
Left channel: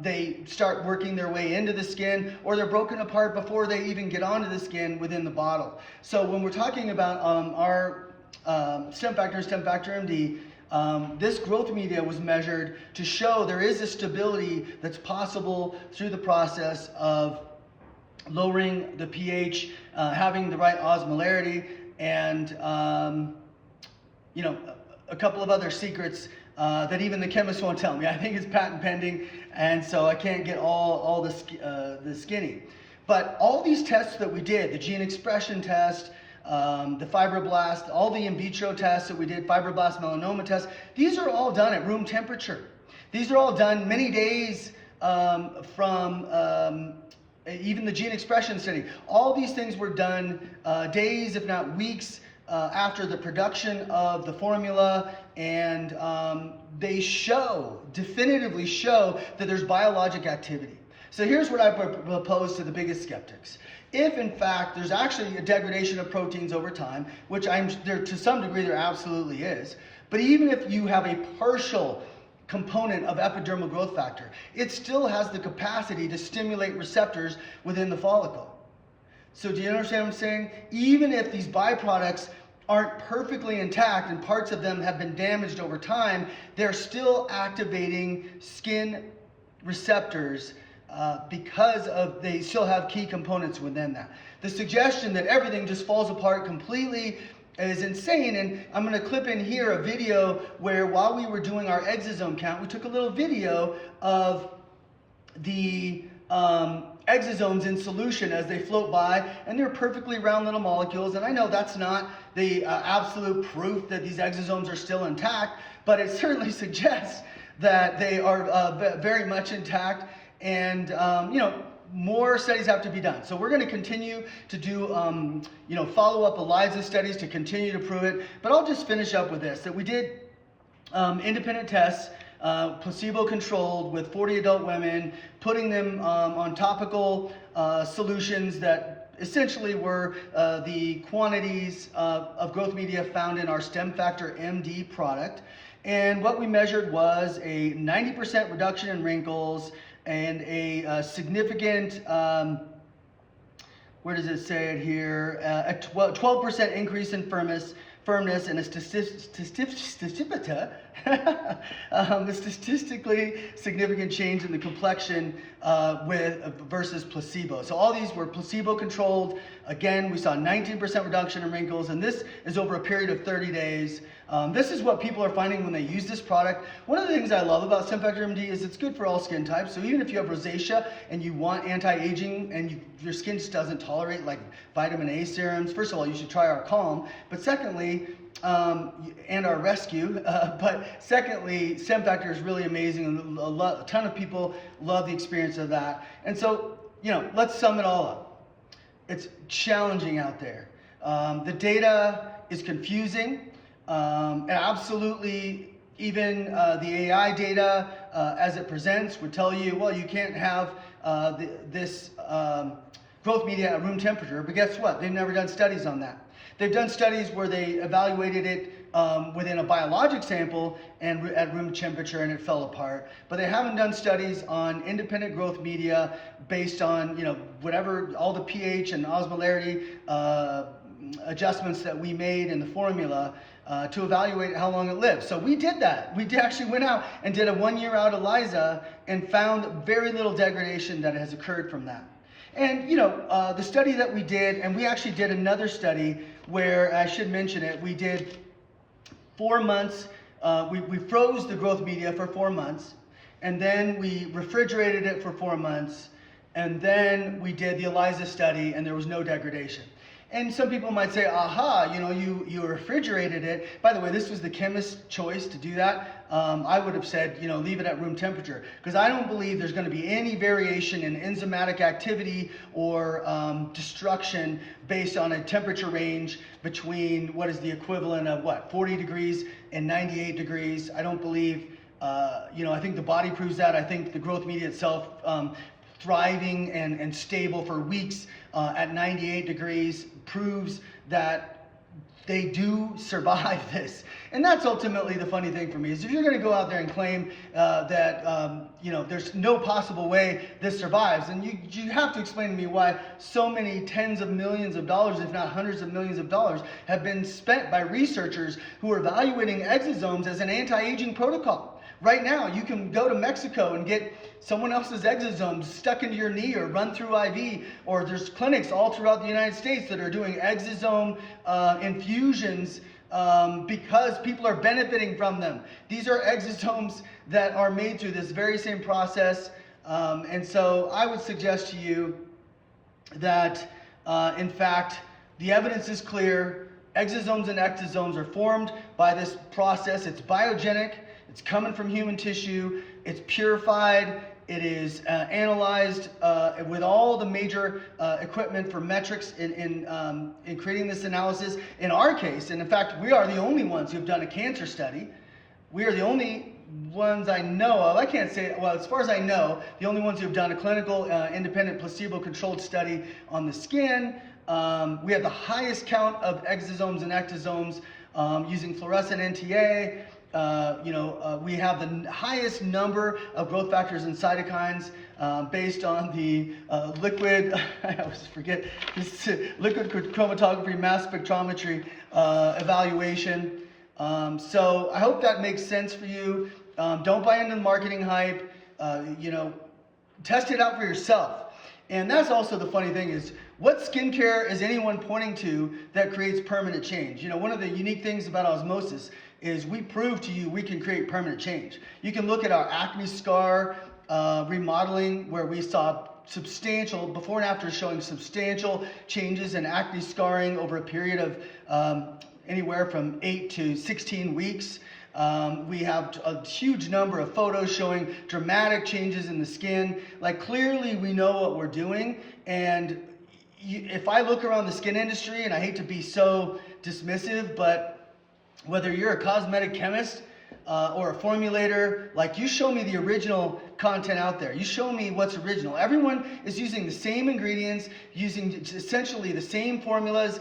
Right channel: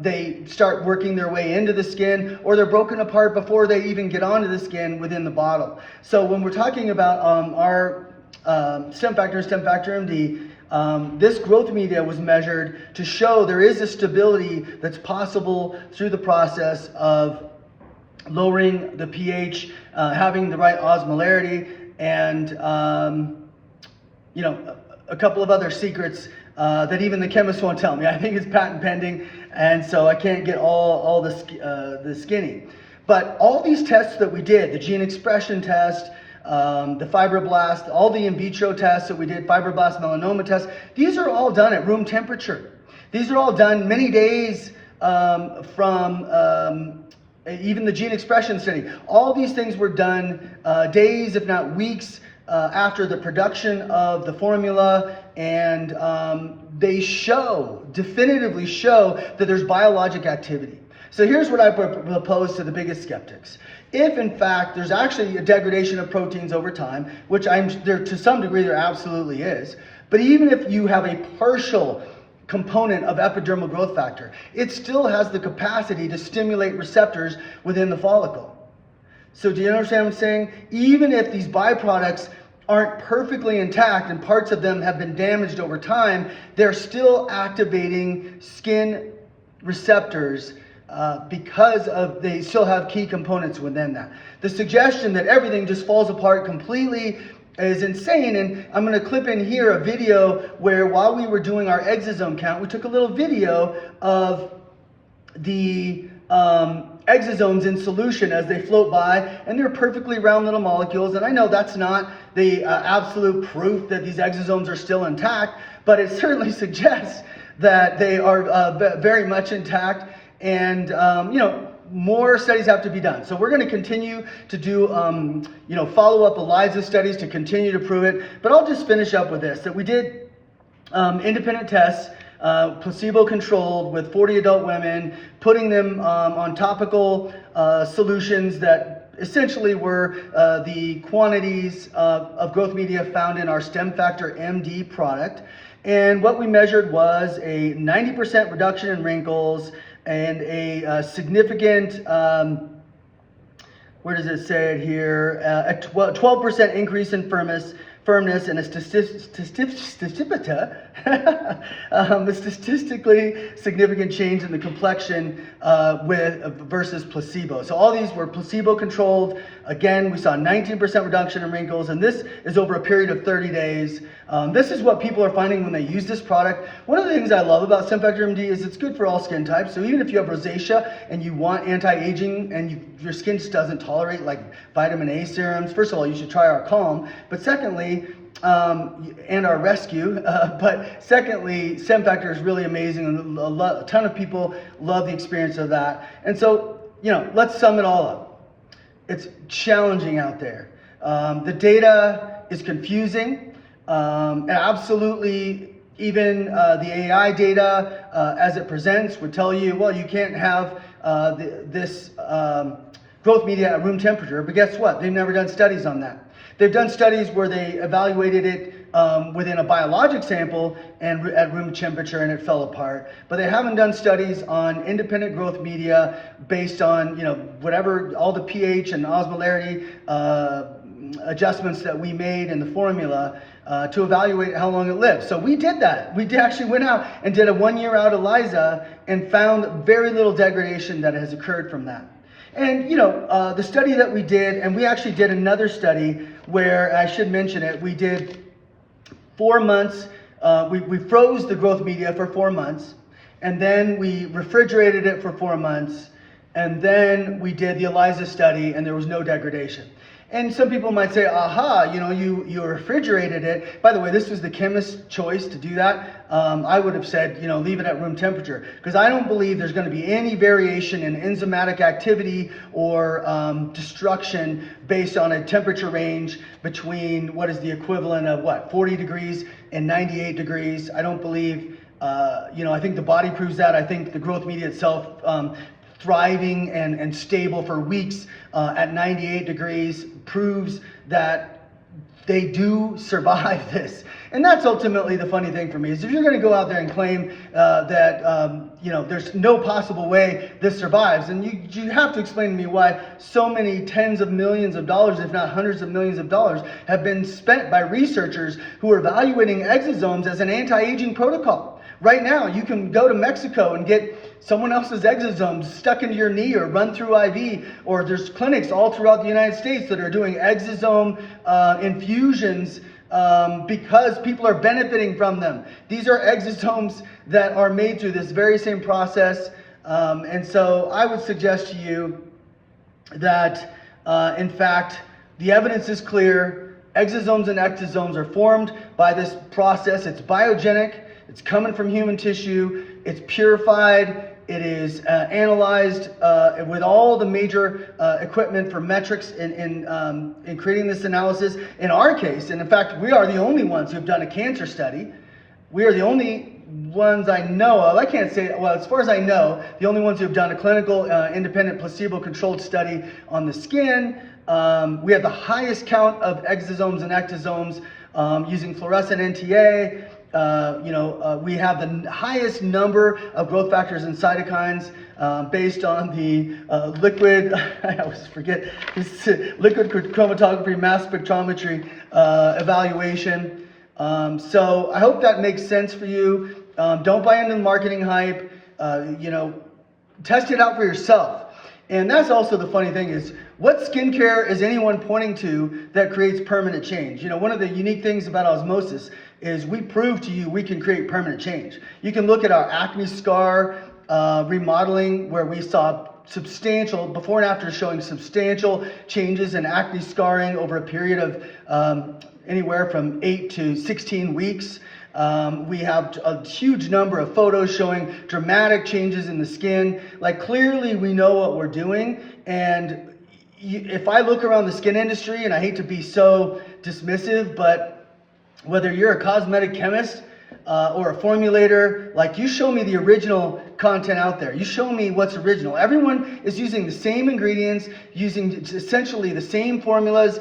they start working their way into the skin, or they're broken apart before they even get onto the skin within the bottle. So when we're talking about our stem factor MD, this growth media was measured to show there is a stability that's possible through the process of lowering the pH, having the right osmolarity, and a couple of other secrets that even the chemists won't tell me. I think it's patent pending, and so I can't get all the skinny. But all these tests that we did, the gene expression test, the fibroblast, all the in vitro tests that we did, fibroblast melanoma tests, these are all done at room temperature. These are all done many days from even the gene expression study. All these things were done days, if not weeks, after the production of the formula, and they definitively show that there's biologic activity. So here's what I propose to the biggest skeptics. If in fact there's actually a degradation of proteins over time, which there to some degree there absolutely is, but even if you have a partial component of epidermal growth factor, it still has the capacity to stimulate receptors within the follicle. So do you understand what I'm saying? Even if these byproducts aren't perfectly intact and parts of them have been damaged over time, they're still activating skin receptors because they still have key components within that. The suggestion that everything just falls apart completely is insane, and I'm going to clip in here a video where while we were doing our exosome count, we took a little video of the exosomes in solution as they float by, and they're perfectly round little molecules. And I know that's not the absolute proof that these exosomes are still intact, but it certainly suggests that they are very much intact. And more studies have to be done. So we're going to continue to do follow-up ELISA studies to continue to prove it. But I'll just finish up with this: that we did independent tests, placebo-controlled, with 40 adult women, putting them on topical solutions that essentially were the quantities of growth media found in our Stem Factor MD product. And what we measured was a 90% reduction in wrinkles and a significant, where does it say it here? A 12% increase in firmness and a statistically significant change in the complexion versus placebo. So all these were placebo-controlled. Again, we saw 19% reduction in wrinkles, and this is over a period of 30 days. This is what people are finding when they use this product. One of the things I love about Stem Factor MD is it's good for all skin types. So even if you have rosacea and you want anti-aging and your skin just doesn't tolerate like vitamin A serums, first of all, you should try our Calm. But secondly, and our Rescue. But secondly, Stem Factor is really amazing, and a ton of people love the experience of that. And so, let's sum it all up. It's challenging out there. The data is confusing, and absolutely even the AI data as it presents would tell you, well, you can't have this growth media at room temperature. But guess what? They've never done studies on that. They've done studies where they evaluated it within a biologic sample and at room temperature, and it fell apart. But they haven't done studies on independent growth media based on whatever, all the pH and osmolarity adjustments that we made in the formula to evaluate how long it lives. So we did that. We actually went out and did a 1-year out ELISA and found very little degradation that has occurred from that. And the study that we did, and we actually did another study where, I should mention it, we did 4 months, we froze the growth media for 4 months, and then we refrigerated it for 4 months, and then we did the ELISA study, and there was no degradation. And some people might say, aha, you refrigerated it. By the way, this was the chemist's choice to do that. I would have said, leave it at room temperature, because I don't believe there's going to be any variation in enzymatic activity or destruction based on a temperature range between what is the equivalent of 40 degrees and 98 degrees. I don't believe, I think the body proves that. I think the growth media itself thriving and stable for weeks at 98 degrees proves that they do survive this. And that's ultimately the funny thing for me, is if you're going to go out there and claim that there's no possible way this survives, and you have to explain to me why so many tens of millions of dollars, if not hundreds of millions of dollars, have been spent by researchers who are evaluating exosomes as an anti-aging protocol. Right now, you can go to Mexico and get someone else's exosomes stuck into your knee or run through IV, or there's clinics all throughout the United States that are doing exosome infusions because people are benefiting from them. These are exosomes that are made through this very same process. And so I would suggest to you that, in fact, the evidence is clear. Exosomes and ectosomes are formed by this process. It's biogenic. It's coming from human tissue. It's purified. It is analyzed with all the major equipment for metrics in creating this analysis. In our case, and in fact, we are the only ones who've done a cancer study. We are the only ones I know of, I can't say, well, as far as I know, the only ones who have done a clinical independent placebo-controlled study on the skin. We have the highest count of exosomes and ectosomes using fluorescent NTA. We have the highest number of growth factors and cytokines based on the liquid, I always forget, liquid chromatography mass spectrometry evaluation. So I hope that makes sense for you. Don't buy into the marketing hype. Test it out for yourself. And that's also the funny thing is, what skincare is anyone pointing to that creates permanent change? One of the unique things about Osmosis is we prove to you we can create permanent change. You can look at our acne scar remodeling, where we saw substantial, before and after, showing substantial changes in acne scarring over a period of anywhere from 8 to 16 weeks. We have a huge number of photos showing dramatic changes in the skin. Like, clearly we know what we're doing. And if I look around the skin industry, and I hate to be so dismissive, but whether you're a cosmetic chemist or a formulator, like, you show me the original content out there. You show me what's original. Everyone is using the same ingredients, using essentially the same formulas,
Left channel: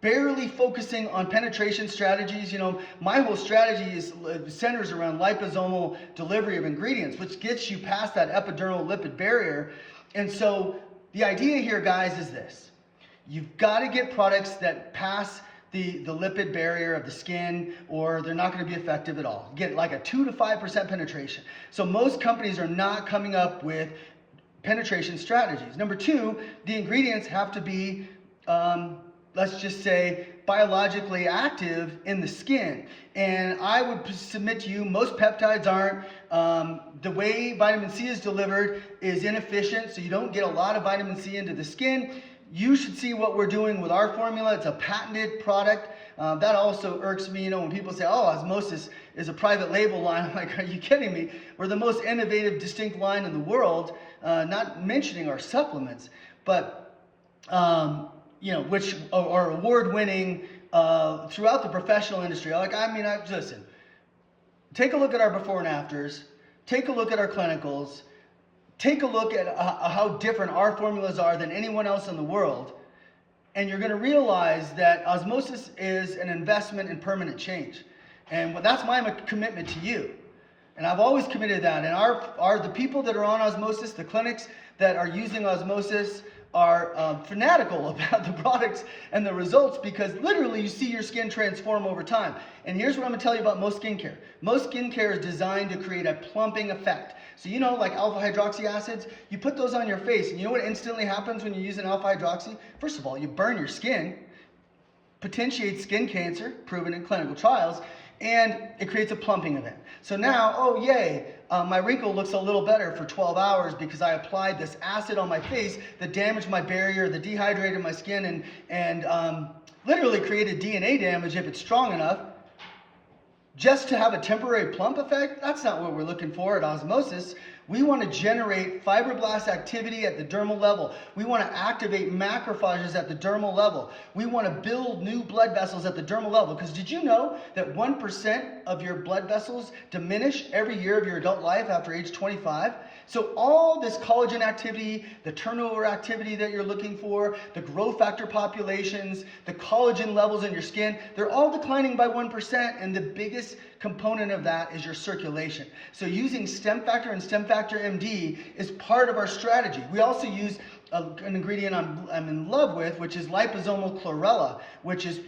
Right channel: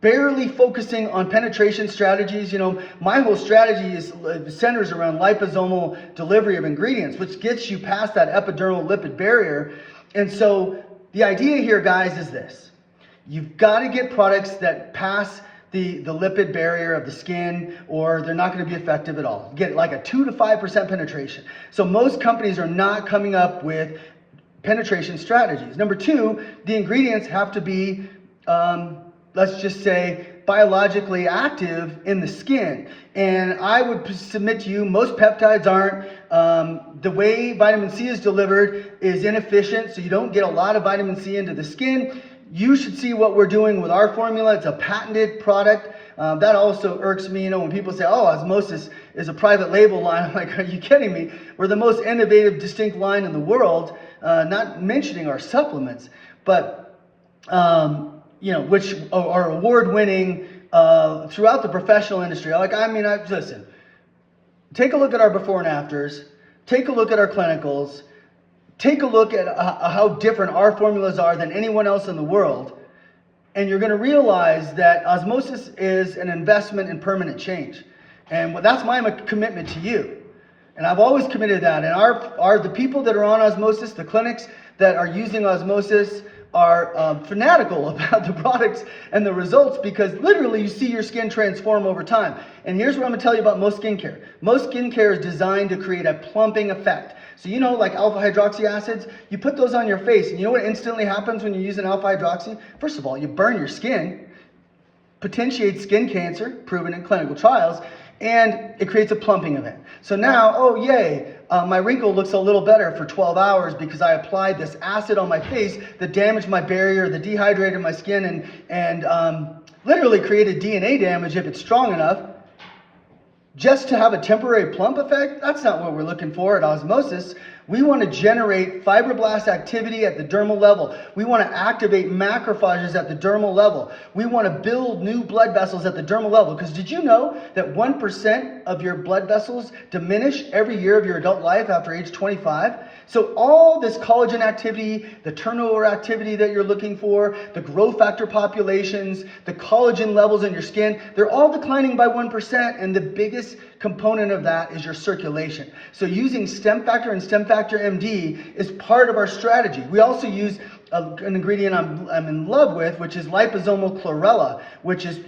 barely focusing on penetration strategies. My whole strategy centers around liposomal delivery of ingredients, which gets you past that epidermal lipid barrier. And so the idea here, guys, is this. You've got to get products that pass the lipid barrier of the skin, or they're not going to be effective at all. Get like a 2 to 5% penetration. So most companies are not coming up with penetration strategies. Number two, the ingredients have to be let's just say, biologically active in the skin. And I would submit to you, most peptides aren't. The way vitamin C is delivered is inefficient, so you don't get a lot of vitamin C into the skin. You should see what we're doing with our formula. It's a patented product. That also irks me, when people say, oh, Osmosis is a private label line. I'm like, are you kidding me? We're the most innovative, distinct line in the world, not mentioning our supplements. But which are award-winning throughout the professional industry. Listen, take a look at our before and afters, take a look at our clinicals, take a look at how different our formulas are than anyone else in the world, and you're going to realize that Osmosis is an investment in permanent change. And that's my commitment to you. And I've always committed that. And the people that are on Osmosis, the clinics that are using Osmosis, are fanatical about the products and the results, because literally you see your skin transform over time. And here's what I'm going to tell you about most skincare. Most skincare is designed to create a plumping effect. So like alpha hydroxy acids, you put those on your face, and you know what instantly happens when you use an alpha hydroxy? First of all, you burn your skin, potentiates skin cancer, proven in clinical trials, and it creates a plumping event. So now, oh yay, my wrinkle looks a little better for 12 hours because I applied this acid on my face that damaged my barrier, that dehydrated my skin, and literally created DNA damage if it's strong enough. Just to have a temporary plump effect, that's not what we're looking for at Osmosis. We want to generate fibroblast activity at the dermal level. We want to activate macrophages at the dermal level. We want to build new blood vessels at the dermal level. Because did you know that 1% of your blood vessels diminish every year of your adult life after age 25? So all this collagen activity, the turnover activity that you're looking for, the growth factor populations, the collagen levels in your skin, they're all declining by 1%, and the biggest component of that is your circulation. So using stem factor and stem factor MD is part of our strategy. We also use an ingredient I'm in love with, which is liposomal chlorella, which is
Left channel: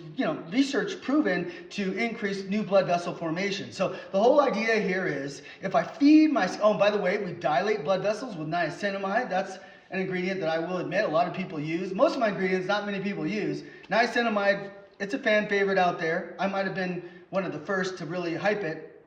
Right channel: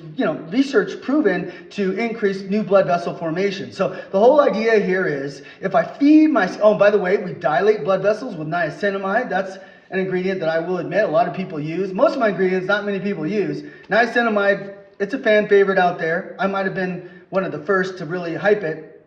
research proven to increase new blood vessel formation. So the whole idea here is, if I feed by the way, we dilate blood vessels with niacinamide. That's an ingredient that I will admit a lot of people use. Most of my ingredients, not many people use. Niacinamide, it's a fan favorite out there. I might have been one of the first to really hype it,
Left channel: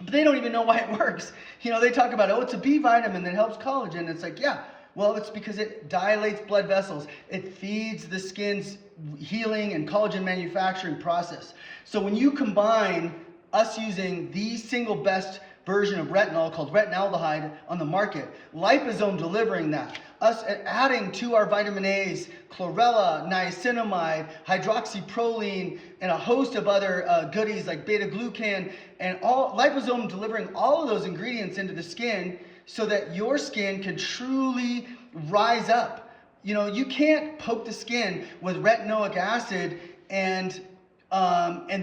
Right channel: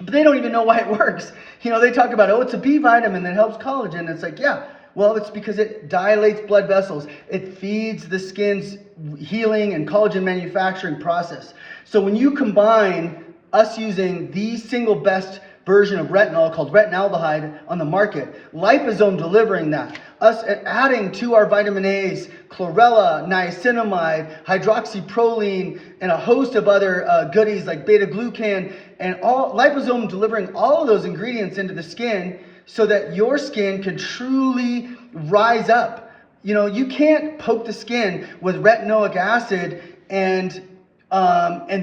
but they don't even know why it works. They talk about, it's a B vitamin that helps collagen. It's like, yeah, well, it's because it dilates blood vessels. It feeds the skin's healing and collagen manufacturing process. So when you combine us using the single best version of retinol called retinaldehyde on the market. Liposome delivering that. Us adding to our vitamin A's, chlorella, niacinamide, hydroxyproline, and a host of other goodies like beta-glucan, and all liposome delivering all of those ingredients into the skin so that your skin can truly rise up. You know, you can't poke the skin with retinoic acid and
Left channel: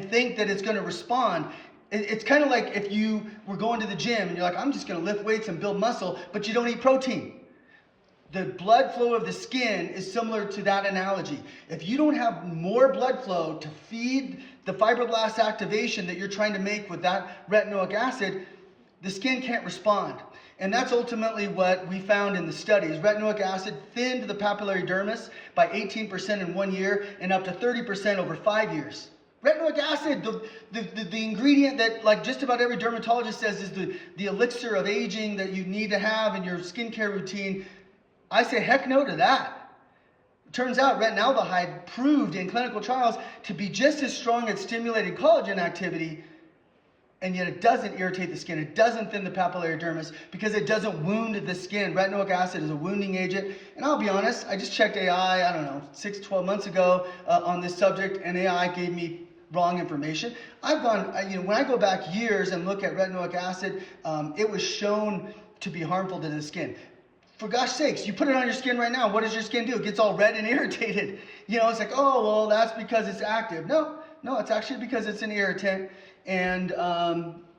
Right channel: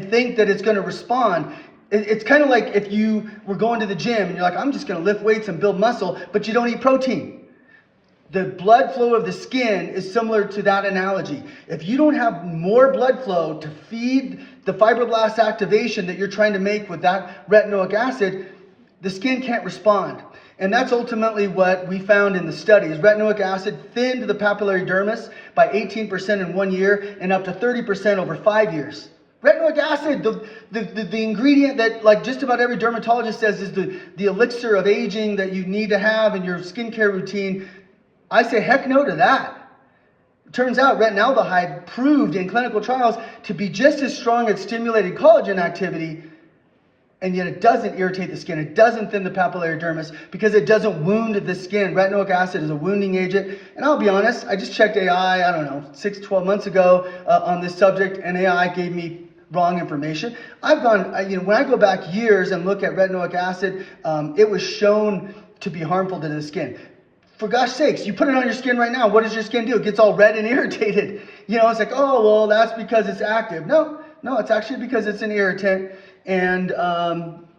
think that it's going to respond. It's kind of like if you were going to the gym and you're like, I'm just going to lift weights and build muscle, but you don't eat protein. The blood flow of the skin is similar to that analogy. If you don't have more blood flow to feed the fibroblast activation that you're trying to make with that retinoic acid, the skin can't respond. And that's ultimately what we found in the studies. Retinoic acid thinned the papillary dermis by 18% in 1 year and up to 30% over 5 years. Retinoic acid, the ingredient that like just about every dermatologist says is the elixir of aging that you need to have in your skincare routine. I say heck no to that. It turns out retinaldehyde proved in clinical trials to be just as strong at stimulating collagen activity, and yet it doesn't irritate the skin. It doesn't thin the papillary dermis because it doesn't wound the skin. Retinoic acid is a wounding agent. And I'll be honest, I just checked AI, I don't know, 6 to 12 months ago on this subject, and AI gave me wrong information. I've gone, when I go back years and look at retinoic acid, it was shown to be harmful to the skin. For gosh sakes, you put it on your skin right now, what does your skin do? It gets all red and irritated. It's like, oh, well, that's because it's active. No, it's actually because it's an irritant, and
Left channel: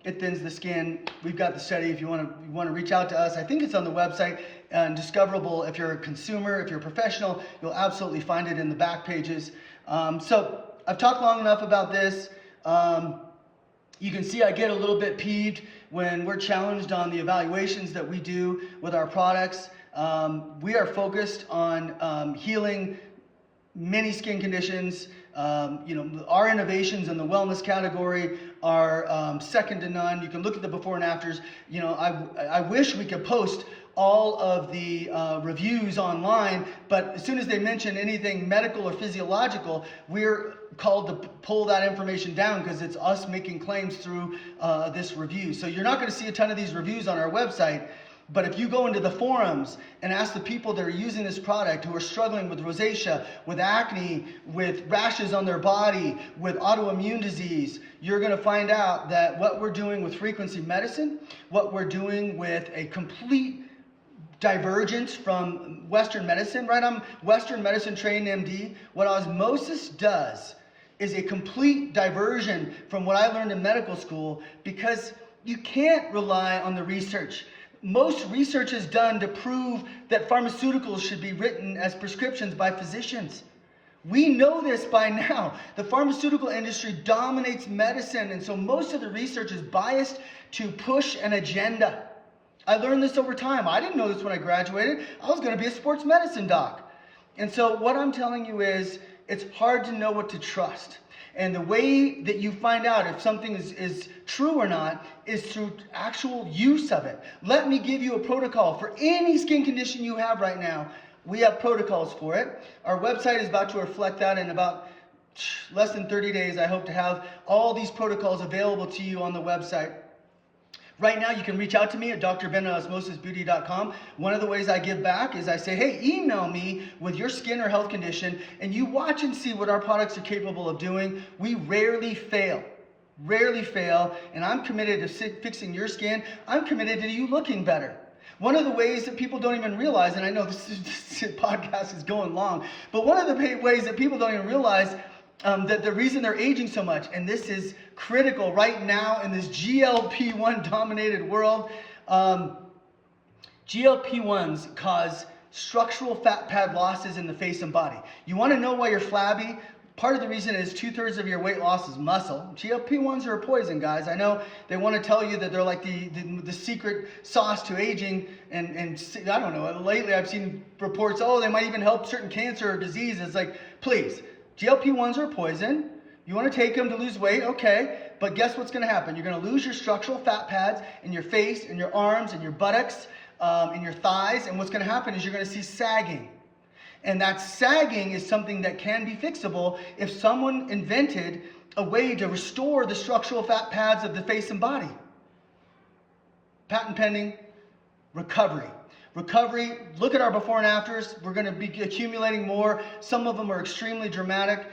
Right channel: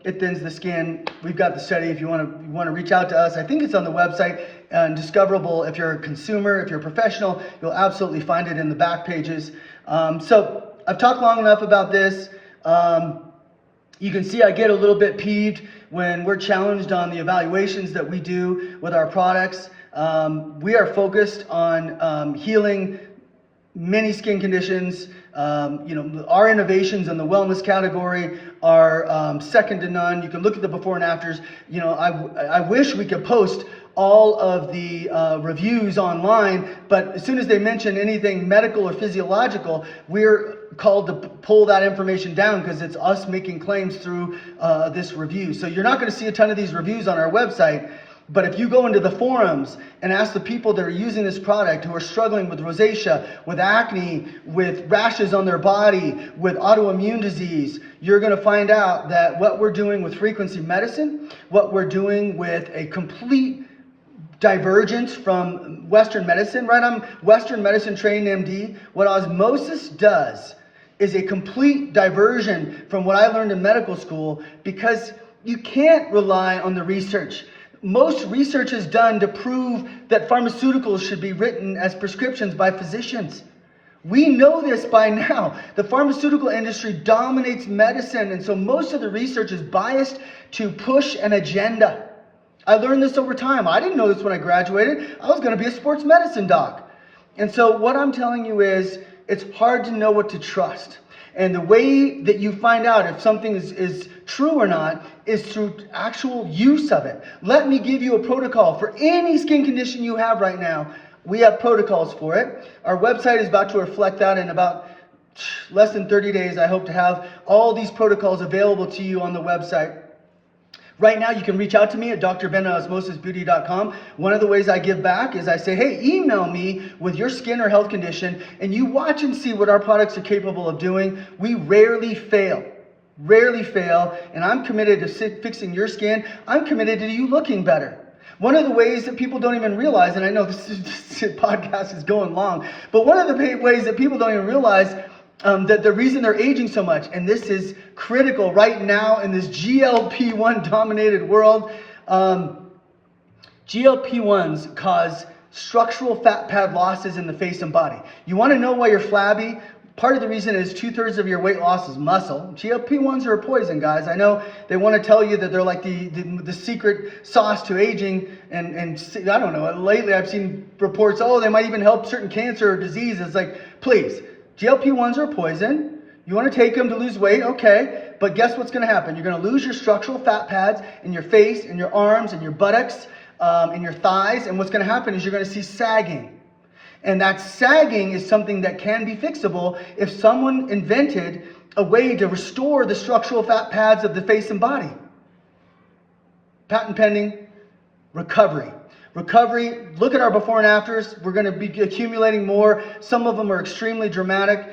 it thins the skin. We've got the study if you want to reach out to us. I think it's on the website and discoverable. If you're a consumer, if you're a professional, you'll absolutely find it in the back pages. So I've talked long enough about this. You can see I get a little bit peeved when we're challenged on the evaluations that we do with our products. We are focused on healing many skin conditions. Our innovations in the wellness category are second to none. You can look at the before and afters. I wish we could post all of the reviews online, but as soon as they mention anything medical or physiological, we're called to pull that information down because it's us making claims through this review. So you're not going to see a ton of these reviews on our website, but if you go into the forums and ask the people that are using this product who are struggling with rosacea, with acne, with rashes on their body, with autoimmune disease, you're going to find out that what we're doing with frequency medicine, what we're doing with a complete divergence from Western medicine, right? I'm Western medicine trained MD. What Osmosis does is a complete diversion from what I learned in medical school, because you can't rely on the research. Most research is done to prove that pharmaceuticals should be written as prescriptions by physicians. We know this by now. The pharmaceutical industry dominates medicine, and so most of the research is biased to push an agenda. I learned this over time. I didn't know this when I graduated. I was going to be a sports medicine doc. And so what I'm telling you is it's hard to know what to trust. And the way that you find out if something is true or not is through actual use of it. Let me give you a protocol for any skin condition you have right now. We have protocols for it. Our website is about to reflect that in about less than 30 days. I hope to have all these protocols available to you on the website. Right now, you can reach out to me at drben@osmosisbeauty.com. One of the ways I give back is I say, hey, email me with your skin or health condition, and you watch and see what our products are capable of doing. We rarely fail, and I'm committed to fixing your skin. I'm committed to you looking better. One of the ways that people don't even realize, and I know this podcast is going long, but one of the ways that people don't even realize that the reason they're aging so much, and this is critical right now in this GLP-1 dominated world, GLP-1s cause structural fat pad losses in the face and body. You want to know why you're flabby? Part of the reason is 2/3 of your weight loss is muscle. GLP-1s are a poison, guys. I know they want to tell you that they're like the secret sauce to aging, and I don't know. Lately I've seen reports, they might even help certain cancer or diseases. Like, please, GLP-1s are a poison. You want to take them to lose weight, okay, but guess what's going to happen? You're going to lose your structural fat pads in your face, in your arms, in your buttocks, in your thighs, and what's going to happen is you're going to see sagging. And that sagging is something that can be fixable if someone invented a way to restore the structural fat pads of the face and body. patent pending, recovery. Recovery, look at our before and afters. We're going to be accumulating more. Some of them are extremely dramatic.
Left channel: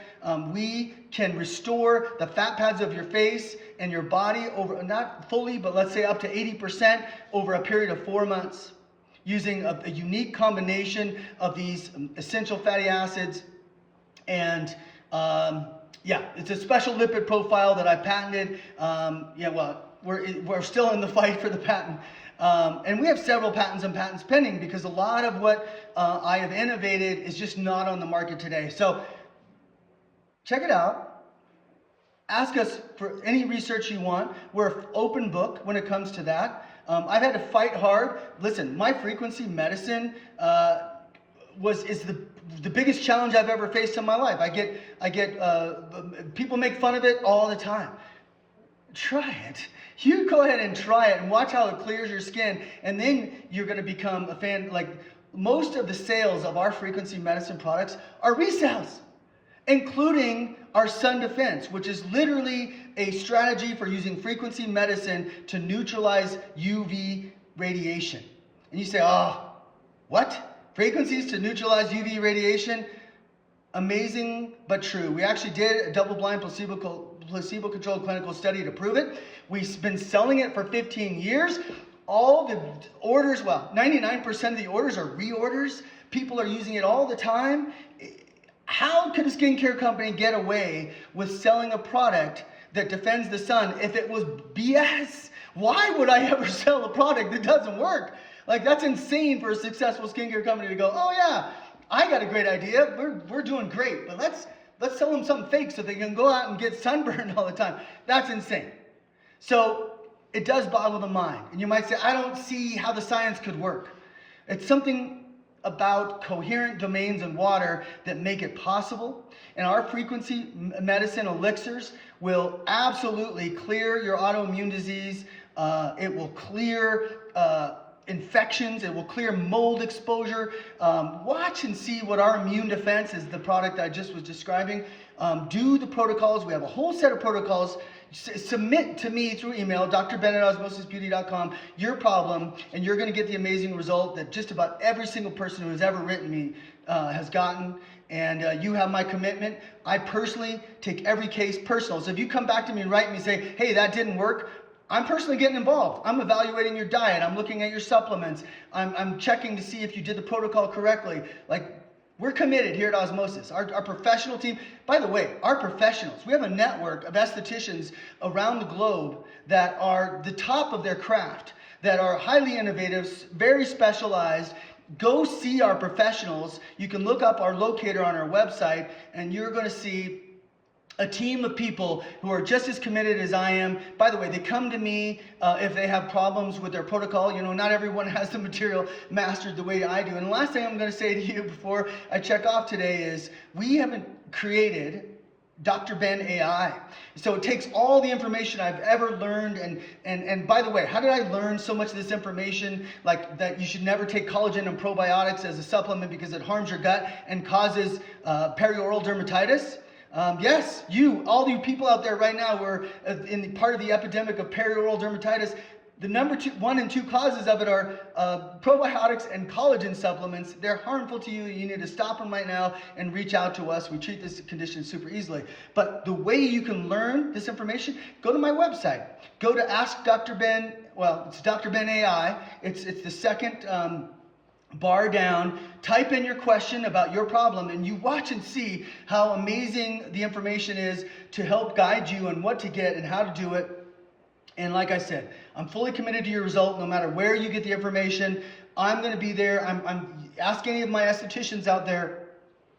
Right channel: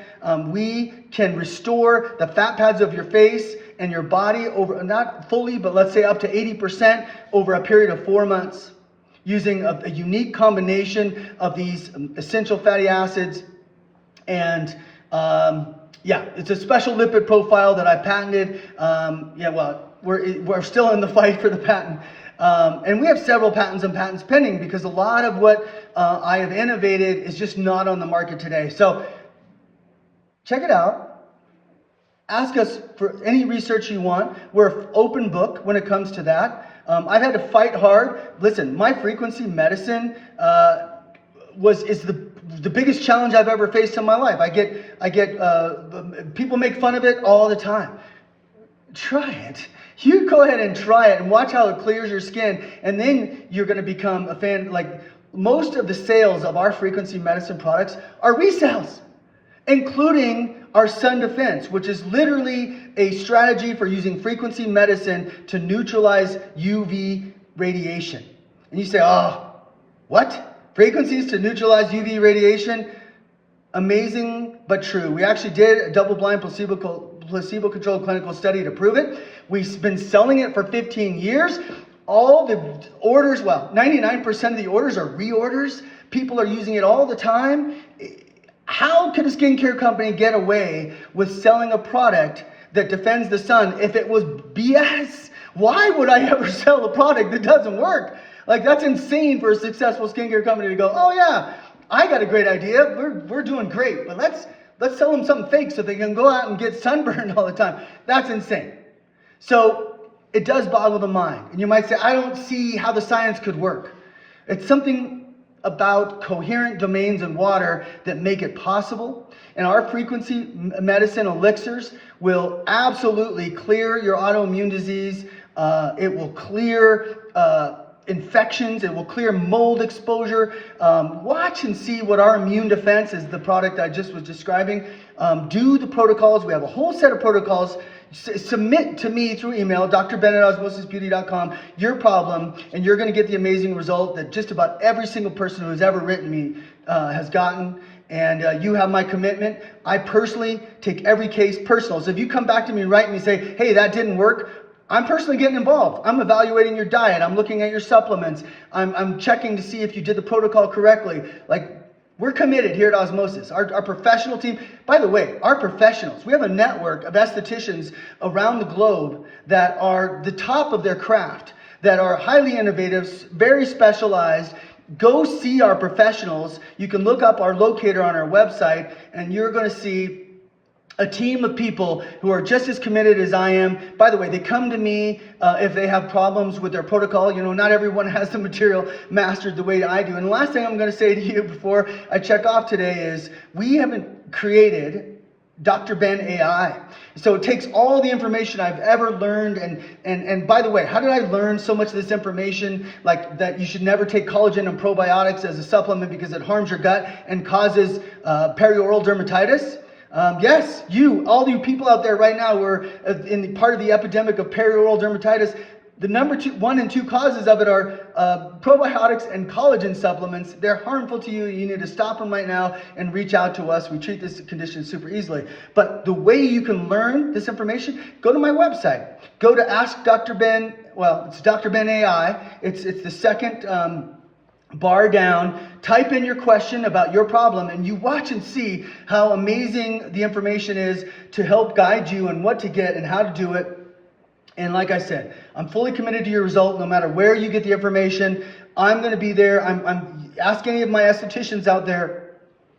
We can restore the fat pads of your face and your body over, not fully, but let's say up to 80% over a period of 4 months, using a unique combination of these essential fatty acids. And yeah, it's a special lipid profile that I patented. We're still in the fight for the patent. And we have several patents and patents pending because a lot of what I have innovated is just not on the market today. So check it out. Ask us for any research you want. We're an open book when it comes to that. I've had to fight hard. Listen, my frequency medicine is the biggest challenge I've ever faced in my life. I get people make fun of it all the time. Try it. You go ahead and try it and watch how it clears your skin, and then you're going to become a fan. Like, most of the sales of our frequency medicine products are resells, including our Sun Defense, which is literally a strategy for using frequency medicine to neutralize UV radiation. And you say, oh, what? Frequencies to neutralize UV radiation? Amazing, but true. We actually did a double-blind placebo-controlled clinical study to prove it. We've been selling it for 15 years. All the orders, 99% of the orders are reorders. People are using it all the time. How could a skincare company get away with selling a product that defends the sun if it was BS? Why would I ever sell a product that doesn't work? Like, that's insane for a successful skincare company to go, oh yeah, I got a great idea. We're doing great, but let's sell them something fake so they can go out and get sunburned all the time. That's insane. So it does boggle the mind. And you might say, I don't see how the science could work. It's something about coherent domains in water that make it possible. And our frequency medicine elixirs will absolutely clear your autoimmune disease. It will clear infections. It will clear mold exposure. Watch and see what our immune defense is, the product I just was describing. Do the protocols. We have a whole set of protocols. Submit to me through email, drben@osmosisbeauty.com, your problem, and you're going to get the amazing result that just about every single person who has ever written me has gotten. And you have my commitment. I personally take every case personal. So if you come back to me and write me and say, hey, that didn't work, I'm personally getting involved. I'm evaluating your diet. I'm looking at your supplements. I'm checking to see if you did the protocol correctly. Like, we're committed here at Osmosis. Our professional team, by the way, our professionals, we have a network of estheticians around the globe that are the top of their craft, that are highly innovative, very specialized. Go see our professionals. You can look up our locator on our website, and you're going to see a team of people who are just as committed as I am. By the way, they come to me if they have problems with their protocol. You know, not everyone has the material mastered the way I do. And the last thing I'm going to say to you before I check off today is we haven't created AskDrBen AI. So it takes all the information I've ever learned, and by the way, how did I learn so much of this information, like that you should never take collagen and probiotics as a supplement because it harms your gut and causes perioral dermatitis? Yes, all you people out there right now who are in part of the epidemic of perioral dermatitis, the number 1 and 2 causes of it are probiotics and collagen supplements. They're harmful to you. You need to stop them right now and reach out to us. We treat this condition super easily. But the way you can learn this information, go to my website. Go to AskDrBen. Well, it's AskDrBen AI. It's the second bar down. Type in your question about your problem, and you watch and see how amazing the information is to help guide you on what to get and how to do it. And like I said, I'm fully committed to your result no matter where you get the information. I'm going to be there. Ask any of my estheticians out there,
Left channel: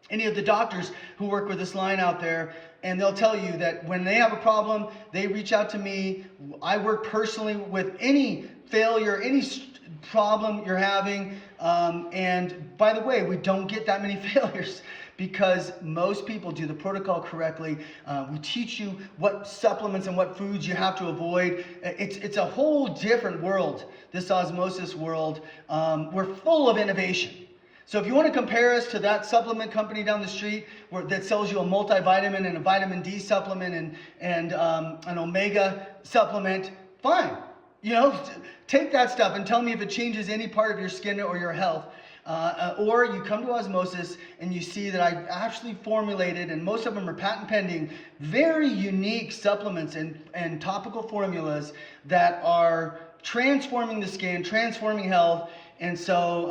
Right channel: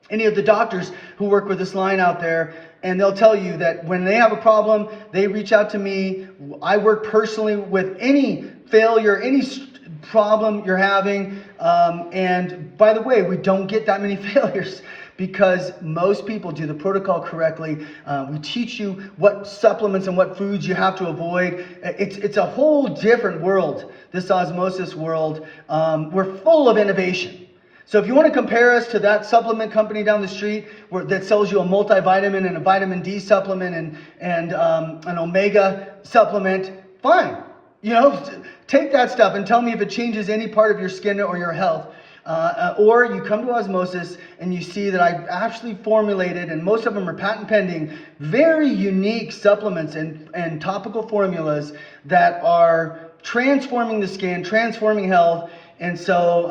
any of the doctors who work with this line out there, and they'll tell you that when they have a problem, they reach out to me. I work personally with any failure, any problem you're having. And by the way, we don't get that many failures because most people do the protocol correctly. We teach you what supplements and what foods you have to avoid. It's a whole different world, this osmosis world. We're full of innovation. So if you want to compare us to that supplement company down the street that sells you a multivitamin and a vitamin D supplement and an omega supplement, fine. take that stuff and tell me if it changes any part of your skin or your health. Or you come to Osmosis and you see that I've actually formulated, and most of them are patent pending, very unique supplements and topical formulas that are transforming the skin, transforming health. And so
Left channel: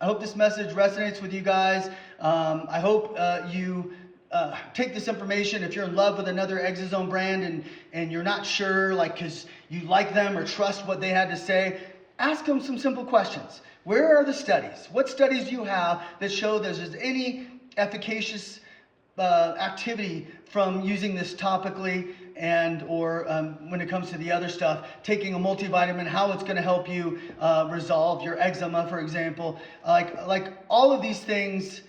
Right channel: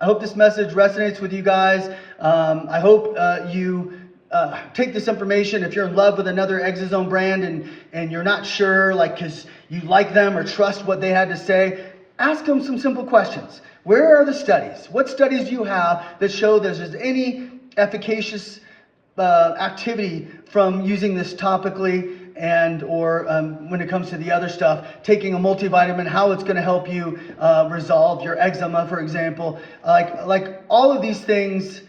I hope this message resonates with you guys. I hope you take this information. If you're in love with another Exosome brand and you're not sure, because you like them or trust what they had to say, ask them some simple questions. Where are the studies? What studies do you have that show there's any efficacious activity from using this topically, and or when it comes to the other stuff, taking a multivitamin, how it's going to help you resolve your eczema, for example. Like all of these things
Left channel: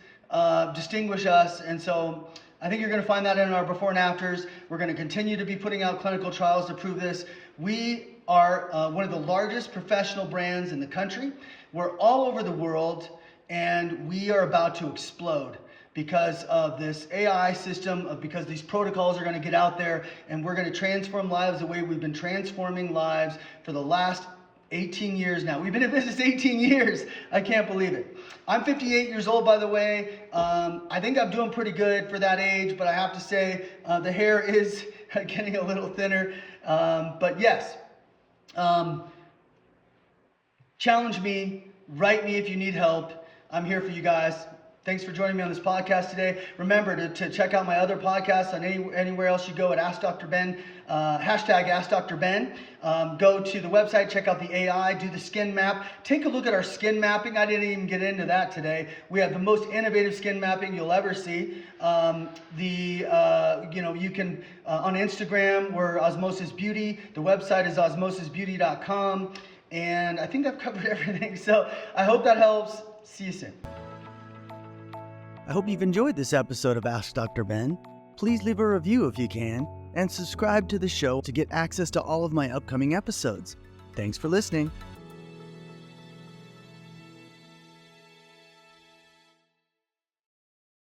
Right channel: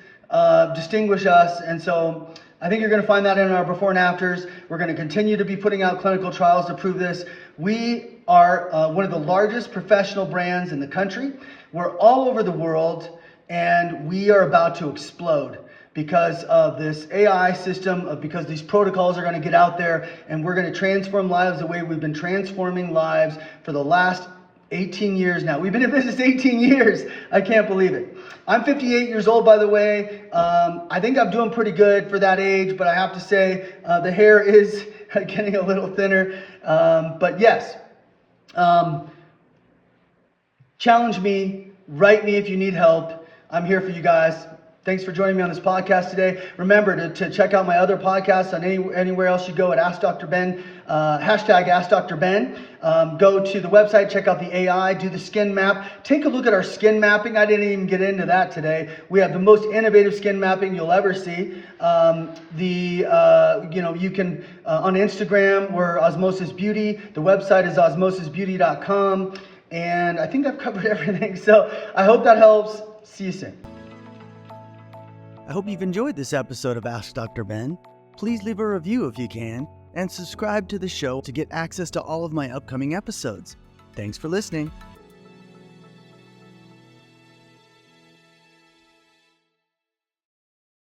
distinguish us, and so I think you're going to find that in our before and afters. We're going to continue to be putting out clinical trials to prove this. We are one of the largest professional brands in the country. We're all over the world, and we are about to explode because of this AI system, because these protocols are going to get out there, and we're going to transform lives the way we've been transforming lives for the last 18 years now. We've been in business 18 years. I can't believe it. I'm 58 years old, by the way. I think I'm doing pretty good for that age, but I have to say the hair is getting a little thinner. But yes, challenge me, write me if you need help. I'm here for you guys. Thanks for joining me on this podcast today. Remember to check out my other podcasts on anywhere else you go at AskDrBen, hashtag AskDrBen. Go to the website, check out the AI, do the skin map. Take a look at our skin mapping. I didn't even get into that today. We have the most innovative skin mapping you'll ever see. You can, on Instagram, we're Osmosis Beauty. The website is osmosisbeauty.com. And I think I've covered everything. So I hope that helps. See you soon. I hope you've enjoyed this episode of Ask Dr. Ben. Please leave a review if you can, and subscribe to the show to get access to all of my upcoming episodes. Thanks for listening.